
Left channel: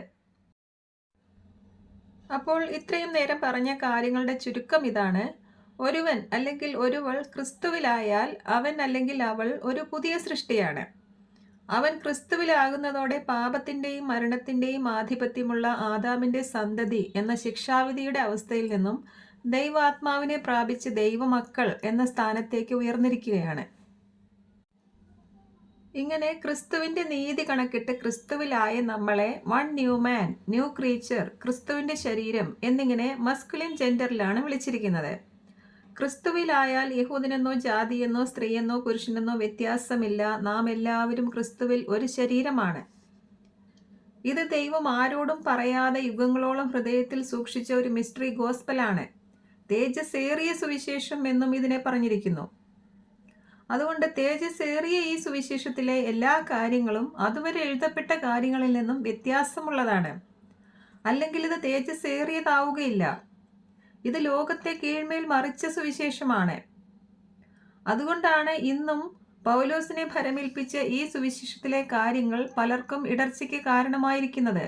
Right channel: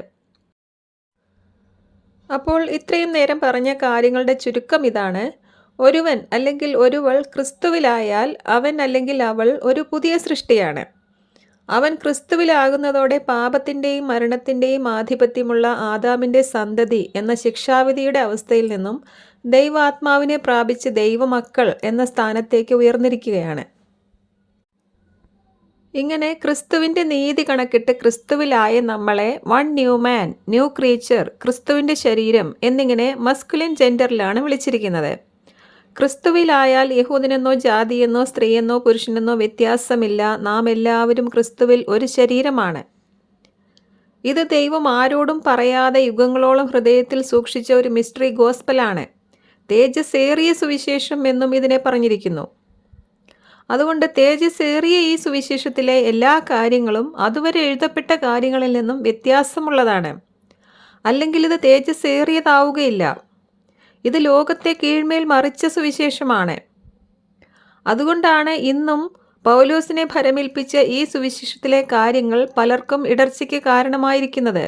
അപ്പോൾ ഇത്രയും നേരം പറഞ്ഞ കാര്യങ്ങളുടെ ചുരുക്കം ഇതാണ്. ഒരുവൻ അല്ലെങ്കിൽ ഒരുവൾ ക്രിസ്തുവിലായാൽ അവൻ അല്ലെങ്കിൽ അവൾ ഒരു പുതിയ സൃഷ്ടിയാണ്. അവൻ ക്രിസ്തുവിലാകുന്നതോടെ പാപത്തിൻ്റെയും മരണത്തിൻ്റെയും ആധിപത്യമുള്ള ആദാമിൻ്റെ സന്തതി എന്ന ശിക്ഷാവിധിയുടെ അവസ്ഥയിൽ നിന്നും ദൈവാത്മാവിനെ പ്രാപിച്ച് ദൈവമക്കൾ എന്ന സ്ഥാനത്തേക്ക് ഉയർന്നിരിക്കുകയാണ്. ഇങ്ങനെ ക്രിസ്തുവിൻ്റെ നീതി കണക്കിട്ട് ക്രിസ്തുവിലായ നമ്മളെ വൺ ന്യൂ മാൻ, ന്യൂ ക്രീച്ചർ, ക്രിസ്തുവിൻ്റെ ശരീരം എന്നിങ്ങനെ മസ്കുലിൻ ജെൻഡറിലാണ് വിളിച്ചിരിക്കുന്നത്. ക്രിസ്തുവിലായാൽ യഹൂദനെന്നോ ജാതിയെന്നോ സ്ത്രീയെന്നോ പുരുഷനെന്നോ വ്യത്യാസമില്ല. നാം എല്ലാവരും ക്രിസ്തുവിൽ ഒരു ശരീരമാണ്. ഇത് ദൈവം ആരോടും പറയാതെ യുഗങ്ങളോളം ഹൃദയത്തിൽ സൂക്ഷിച്ച ഒരു മിസ്റ്ററി ഗോസ്പലാണ്. തേജസ്സേറിയ സുവിശേഷം എന്നും ഇതിനെ പറഞ്ഞിരിക്കുന്നു. അതുകൊണ്ട് തേജസ്സേറിയ ഈ സുവിശേഷത്തിലെ എല്ലാ കാര്യങ്ങളും അതുവരെ എഴുതപ്പെട്ട കാര്യങ്ങളിൽ നിന്നും വ്യത്യാസമുള്ളതാണ്. അല്ലെങ്കിൽ ഇത് തേജസ്സേറിയതാവുകയില്ല. ഇത് ലോകത്തെ കീഴ്മേൽ മറിച്ച സുവിശേഷമാണ്. അതുകൊണ്ടാണ് ഇന്നും പൗലോസിനെ ഭരമേൽപ്പിച്ച ഈ സുവിശേഷത്തിലെ കാര്യങ്ങൾ പലർക്കും ഇടർച്ചയ്ക്ക് കാരണമായിരിക്കുന്നത്.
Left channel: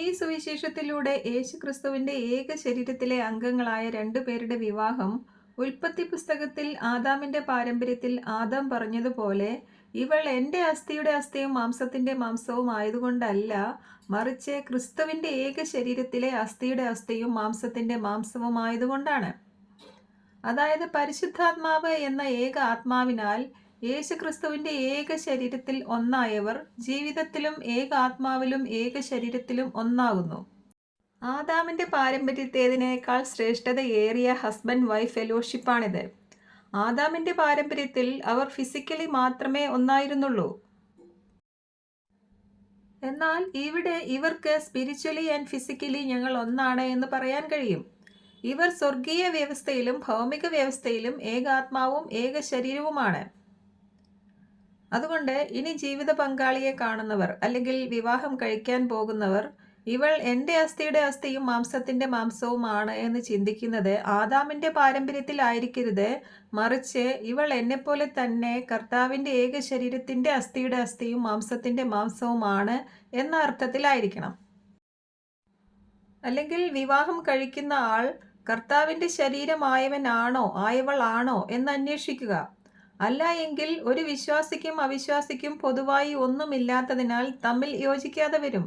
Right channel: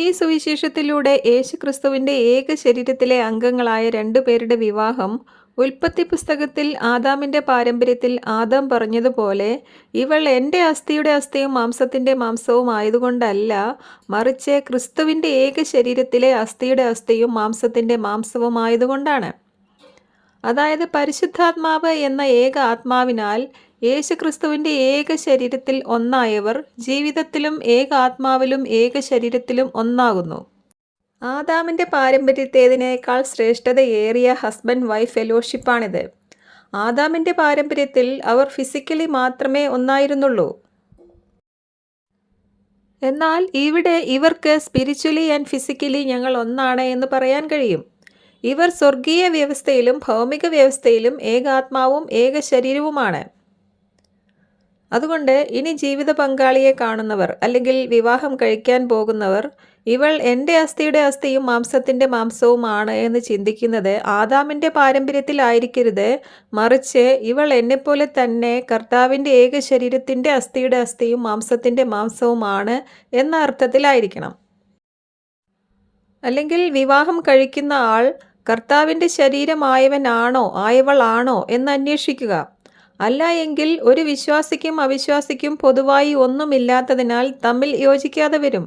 ഈ സുവിശേഷത്തിലൂടെ യേശുക്രിസ്തുവിൻ്റെ ഏക ശരീരത്തിലെ അംഗങ്ങളായ രണ്ടുപേരുടെ വിവാഹം ഉൽപ്പത്തി പുസ്തകത്തിൽ ആദാമിൻ്റെ പാരമ്പര്യത്തിൽ ആദാം പറഞ്ഞതുപോലെ ഇവൾ എൻ്റെ അസ്ഥിയുടെ അസ്ഥിയും മാംസത്തിൻ്റെ മാംസവും ആയതുകൊണ്ടല്ല, മറിച്ച് ക്രിസ്തുവിൻ്റെ ഏക ശരീരത്തിലെ അസ്ഥിയുടെ അസ്ഥിയും മാംസത്തിൻ്റെ മാംസവും ആയതുകൊണ്ടാണ്. അതായത് പരിശുദ്ധാത്മാവ് എന്ന ഏക ആത്മാവിനാൽ യേശുക്രിസ്തുവിൻ്റെ ഏക ശരീരത്തിൽ ഒന്നായവർ ജീവിതത്തിലും ഏക ആത്മാവിലും ഏക ശരീരത്തിലും ഒന്നാകുന്നു. ആദാമിൻ്റെ പാരമ്പര്യത്തേതിനേക്കാൾ ശ്രേഷ്ഠതയേറിയ ഹസ്ബൻഡ് വൈഫ് ഫെലോഷിപ്പാണിത്. ആദാമിൻ്റെ പാരമ്പര്യത്തിൽ അവർ ഫിസിക്കലി മാത്രമേ ഒന്നായിരുന്നുള്ളൂ. എന്നാൽ ഇവിടെ ഇവർക്ക് സ്പിരിച്വലി ആൻഡ് ഫിസിക്കലി ഞങ്ങൾ ഒന്നാണ് എന്ന് പറയാൻ കഴിയും. ഇവർ സ്വർഗീയ വ്യവസ്ഥയിലും ഭൗമിക വ്യവസ്ഥയിലും ഏകാത്മാവും ഏക ശരീരവുമാണ്. അതുകൊണ്ട് ഇനി ജീവിത പങ്കാളിയെ കാണുന്നവർ അല്ലെങ്കിൽ വിവാഹം കഴിക്കാൻ പോകുന്നവർ ഇവൾ എൻ്റെ അസ്ഥിയുടെ അസ്ഥിയും മാംസത്തിൻ്റെ മാംസവുമാണ് എന്ന് ചിന്തിക്കുന്നത് ആദാമിൻ്റെ പാരമ്പര്യത്തിലായിരിക്കരുത്, മറിച്ച് ഇവൾ എന്നെപ്പോലെ തന്നെ കർത്താവിൻ്റെ ഏക ശരീരത്തിൻ്റെ അസ്ഥിയുടെ അസ്ഥിയും മാംസത്തിൻ്റെ മാംസവുമാണ് എന്ന അർത്ഥത്തിലായിരിക്കണം. അല്ലെങ്കിൽ വിവാഹം കഴിക്കുന്ന ആൾ കർത്താവിൻ്റെ ശരീരമായവനാണോ ആയവളാണോ എന്ന് അന്വേഷിക്കുക. അല്ല എങ്കിൽ ഒരു വിശ്വാസിക്കും അവിശ്വാസിക്കും പൊതുവായി ഒന്നുമില്ലാത്തതിനാൽ തമ്മിൽ യോജിക്കാതെ വരും.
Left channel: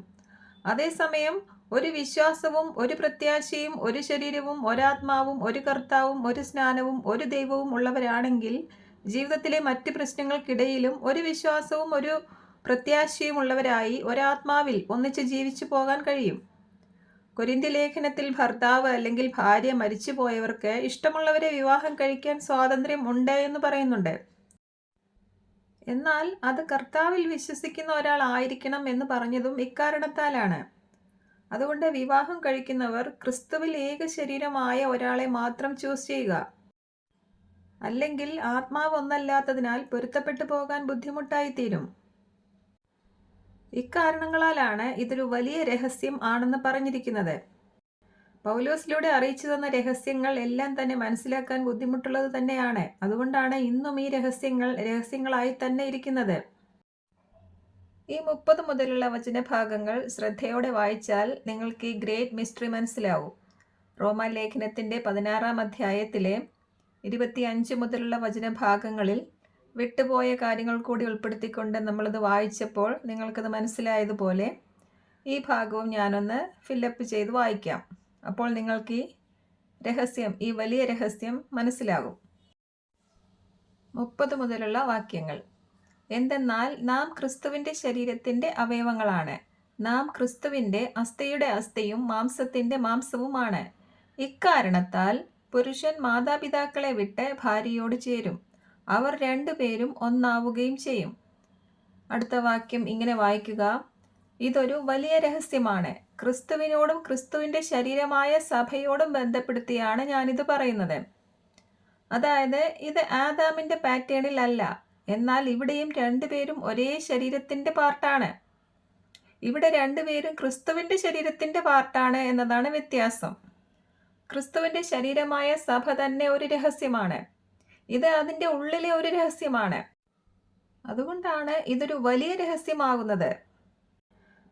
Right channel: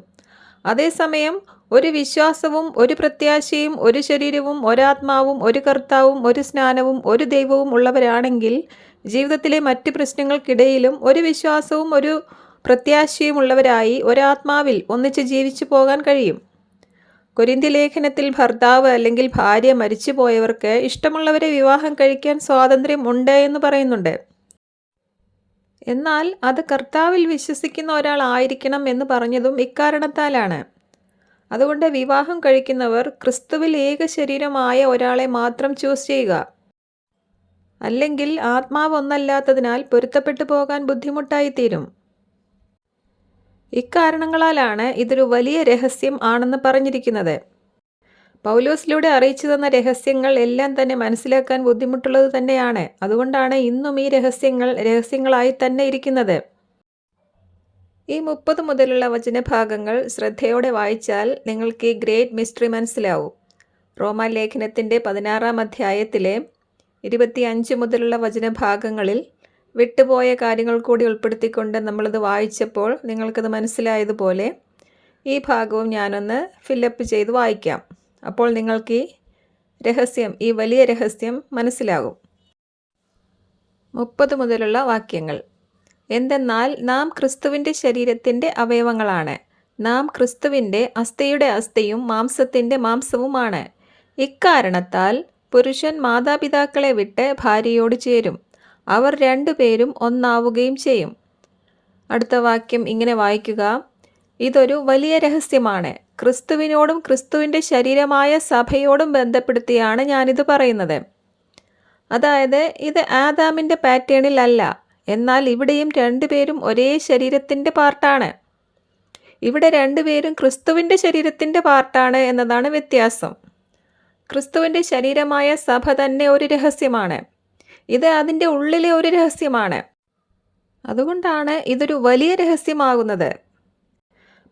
അതേസമയം ഒരു വിശ്വാസവും ഒരു പ്രത്യാശയും ഒരു ശരീരവും ഒരാത്മാവും ഒരു കർത്താവും ഒരു സ്നാനവും ഒരു ദൈവവും ഉള്ളവരാണെങ്കിൽ ജീവിതത്തിലെ മറ്റ് പ്രശ്നങ്ങൾക്കിടയിലും ഒരു വിശ്വാസവും ഒരു പ്രത്യാശയും ഉള്ളവരായി ഒരാത്മാവിൽ ഒന്നിച്ച് ജീവിച്ചു പോകാൻ കഴിയും. കൊരിന്ത്യ ലേഖനത്തിൽ ഭർത്താവ് അല്ലെങ്കിൽ ഭാര്യ മരിച്ചുപോയവർക്ക് ഇഷ്ടമുള്ളവരെ വിവാഹം കഴിക്കാൻ സ്വാതന്ത്ര്യം ഉണ്ട് എന്ന് പറയുന്നുണ്ട്. എന്നാൽ അത് കർത്താവിൽ വിശ്വസിക്കുന്ന ഒരാൾ ആയിരിക്കണം എന്ന് പറഞ്ഞതും ഇക്കാരണത്താലാണ്. അതുകൊണ്ട് വിവാഹം കഴിക്കുന്നവർ ക്രിസ്തുവിൽ ഏക ശരീരമായ ഒരാളെ മാത്രം ചൂസ് ചെയ്യുക. അല്ലെങ്കിൽ ആത്മാവ് ഒന്നല്ലാത്തതിനാൽ പൊരുത്തപ്പെട്ടു പോകാൻ ബുദ്ധിമുട്ടായിത്തീരും. ഇക്കാരണങ്ങളാലാണ് ഇതൊരു വലിയ രഹസ്യം ആണെന്ന് പറഞ്ഞിരിക്കുന്നത്. പൗലോസിലൂടെ അറിയിച്ചു തന്ന രഹസ്യങ്ങൾ എല്ലാം തന്നെ മനസ്സിലാക്കാൻ ബുദ്ധിമുട്ടുള്ളത് തന്നെയാണ്. അതുകൊണ്ടാണ് ഇന്നും ഈ രഹസ്യങ്ങൾ രഹസ്യങ്ങളായി തന്നെ ഇരിക്കുന്നത്. ഈ 30 മുതലുള്ള വചനഭാഗങ്ങൾ ശ്രദ്ധയോടെ വായിച്ചാൽ നിങ്ങൾക്ക് ഈ ഗ്രേറ്റ് മിസ്റ്ററി മനസ്സിലാവും. റോമാലേഖനത്തിൻ്റെ 16-ാം അധ്യായത്തിലെ 25 മുതലുള്ള വചനഭാഗങ്ങളിൽ വിട്ടുപോയ കാര്യങ്ങൾ കൂടി ഉൾപ്പെടുത്തിക്കൊണ്ട് നമ്മളത് വായിച്ചപ്പോൾ നിങ്ങൾക്കത് മനസ്സിലായതുപോലെ ഈ ഭാഗവും ഞാനൊന്ന് ഫില്ലപ്പ് ചെയ്ത് വായിക്കാം. അപ്പോൾ നിങ്ങൾക്ക് ഈ രഹസ്യം, ഈ വലിയ രഹസ്യം മനസ്സിലാകും. 30 മുതലുള്ള വാക്യങ്ങൾ. എന്തെന്നാൽ നാം ക്രിസ്തുവിൻ്റെ ശരീരത്തിൻ്റെ അവയവങ്ങളാണ്. നാം ക്രിസ്തുവിൻ്റെ അസ്ഥിയുടെ അസ്ഥിയും മാംസത്തിൻ്റെ മാംസവുമാണ്. ഇക്കാരണത്താൽ പുരുഷൻ മാതാപിതാക്കളെ വിട്ട് ഭാര്യയോട് ചേരും, അവർ രണ്ടുപേരും ഒന്നാവുകയും ചെയ്യും. അടുത്ത വാക്യം ഇങ്ങനെ വായിക്കുക. ഇതൊരു വലിയ രഹസ്യമാണ്. ക്രിസ്തുവിനോടും ക്രിസ്തുവിൻ്റെ ശരീരമായ സഭയോടും ബന്ധപ്പെടുത്തിയാണ് ഞാനിത് പറയുന്നത്. അതായത് ഇത് ആദാമിൻ്റെ പാറ്റേണിൽ അല്ല, എന്നാൽ ഇവിടെയും രണ്ടുപേരും ഒരേ ശരീരത്തിൻ്റെ പാർട്ടാണ്. ഇവിടെ രണ്ടുപേരും ക്രിസ്തുവിൻ്റെ ശരീരത്തിൻ്റെ പാർട്ടാണ് എന്നതാണ് വ്യത്യാസം. ക്രിസ്തുവിൻ്റെ ശരീരമായ സഭ തന്നെ ഒരു രഹസ്യമാണ്. ഇത് അതിൻ്റെ ഉള്ളിലെ ഒരു രഹസ്യമാണ്. അതുകൊണ്ടാണ് ഇതൊരു വലിയ രഹസ്യമാകുന്നത്.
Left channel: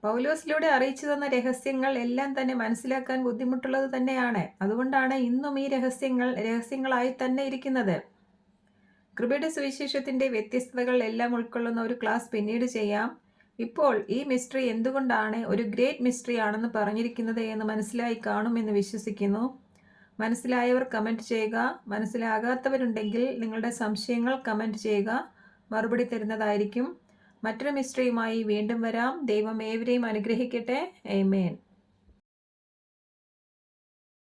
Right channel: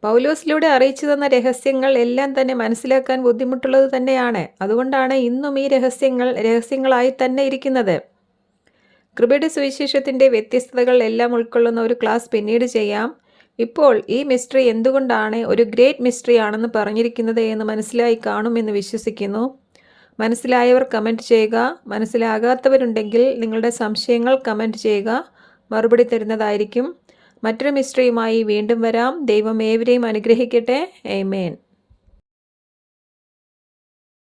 പൗലോസിലൂടെ അറിയിച്ചു തന്ന രഹസ്യങ്ങൾ എല്ലാം തന്നെ മനസ്സിലാക്കാൻ ബുദ്ധിമുട്ടുള്ളത് തന്നെയാണ്. അതുകൊണ്ടാണ് ഇന്നും ഈ രഹസ്യങ്ങൾ രഹസ്യങ്ങളായി തന്നെ ഇരിക്കുന്നത്. കൃപയുടെ സുവിശേഷത്തിൻ്റെ വ്യത്യസ്തതകൾ എല്ലാം ഉൾക്കൊള്ളുന്ന ഒരു ക്ലാസ് പിന്നീട് ചെയ്യാം. ഇപ്പോൾ ഈ മിസ്റ്ററി എന്തുകൊണ്ടാണ് ഒരു ഗ്രേറ്റ് മിസ്റ്ററി ആണെന്ന് പറഞ്ഞിരിക്കുന്നത് എന്ന് മനസ്സിലായി കാണുമെന്ന് വിശ്വസിക്കുന്നു. മനസ്സിലായവർ കമൻറ്റ് ചെയ്യുക. മനസ്സിലാകാത്തവരുണ്ടെങ്കിൽ നിങ്ങളുടെ സംശയങ്ങൾ കമൻറ്റ് ചെയ്യുക. മറുപടി തരുന്നതായിരിക്കും. മറ്റൊരു മിസ്റ്ററിയുമായി വീണ്ടും വരാം. ദൈവം ഏവരെയും അനുഗ്രഹിക്കട്ടെ. ആമേൻ.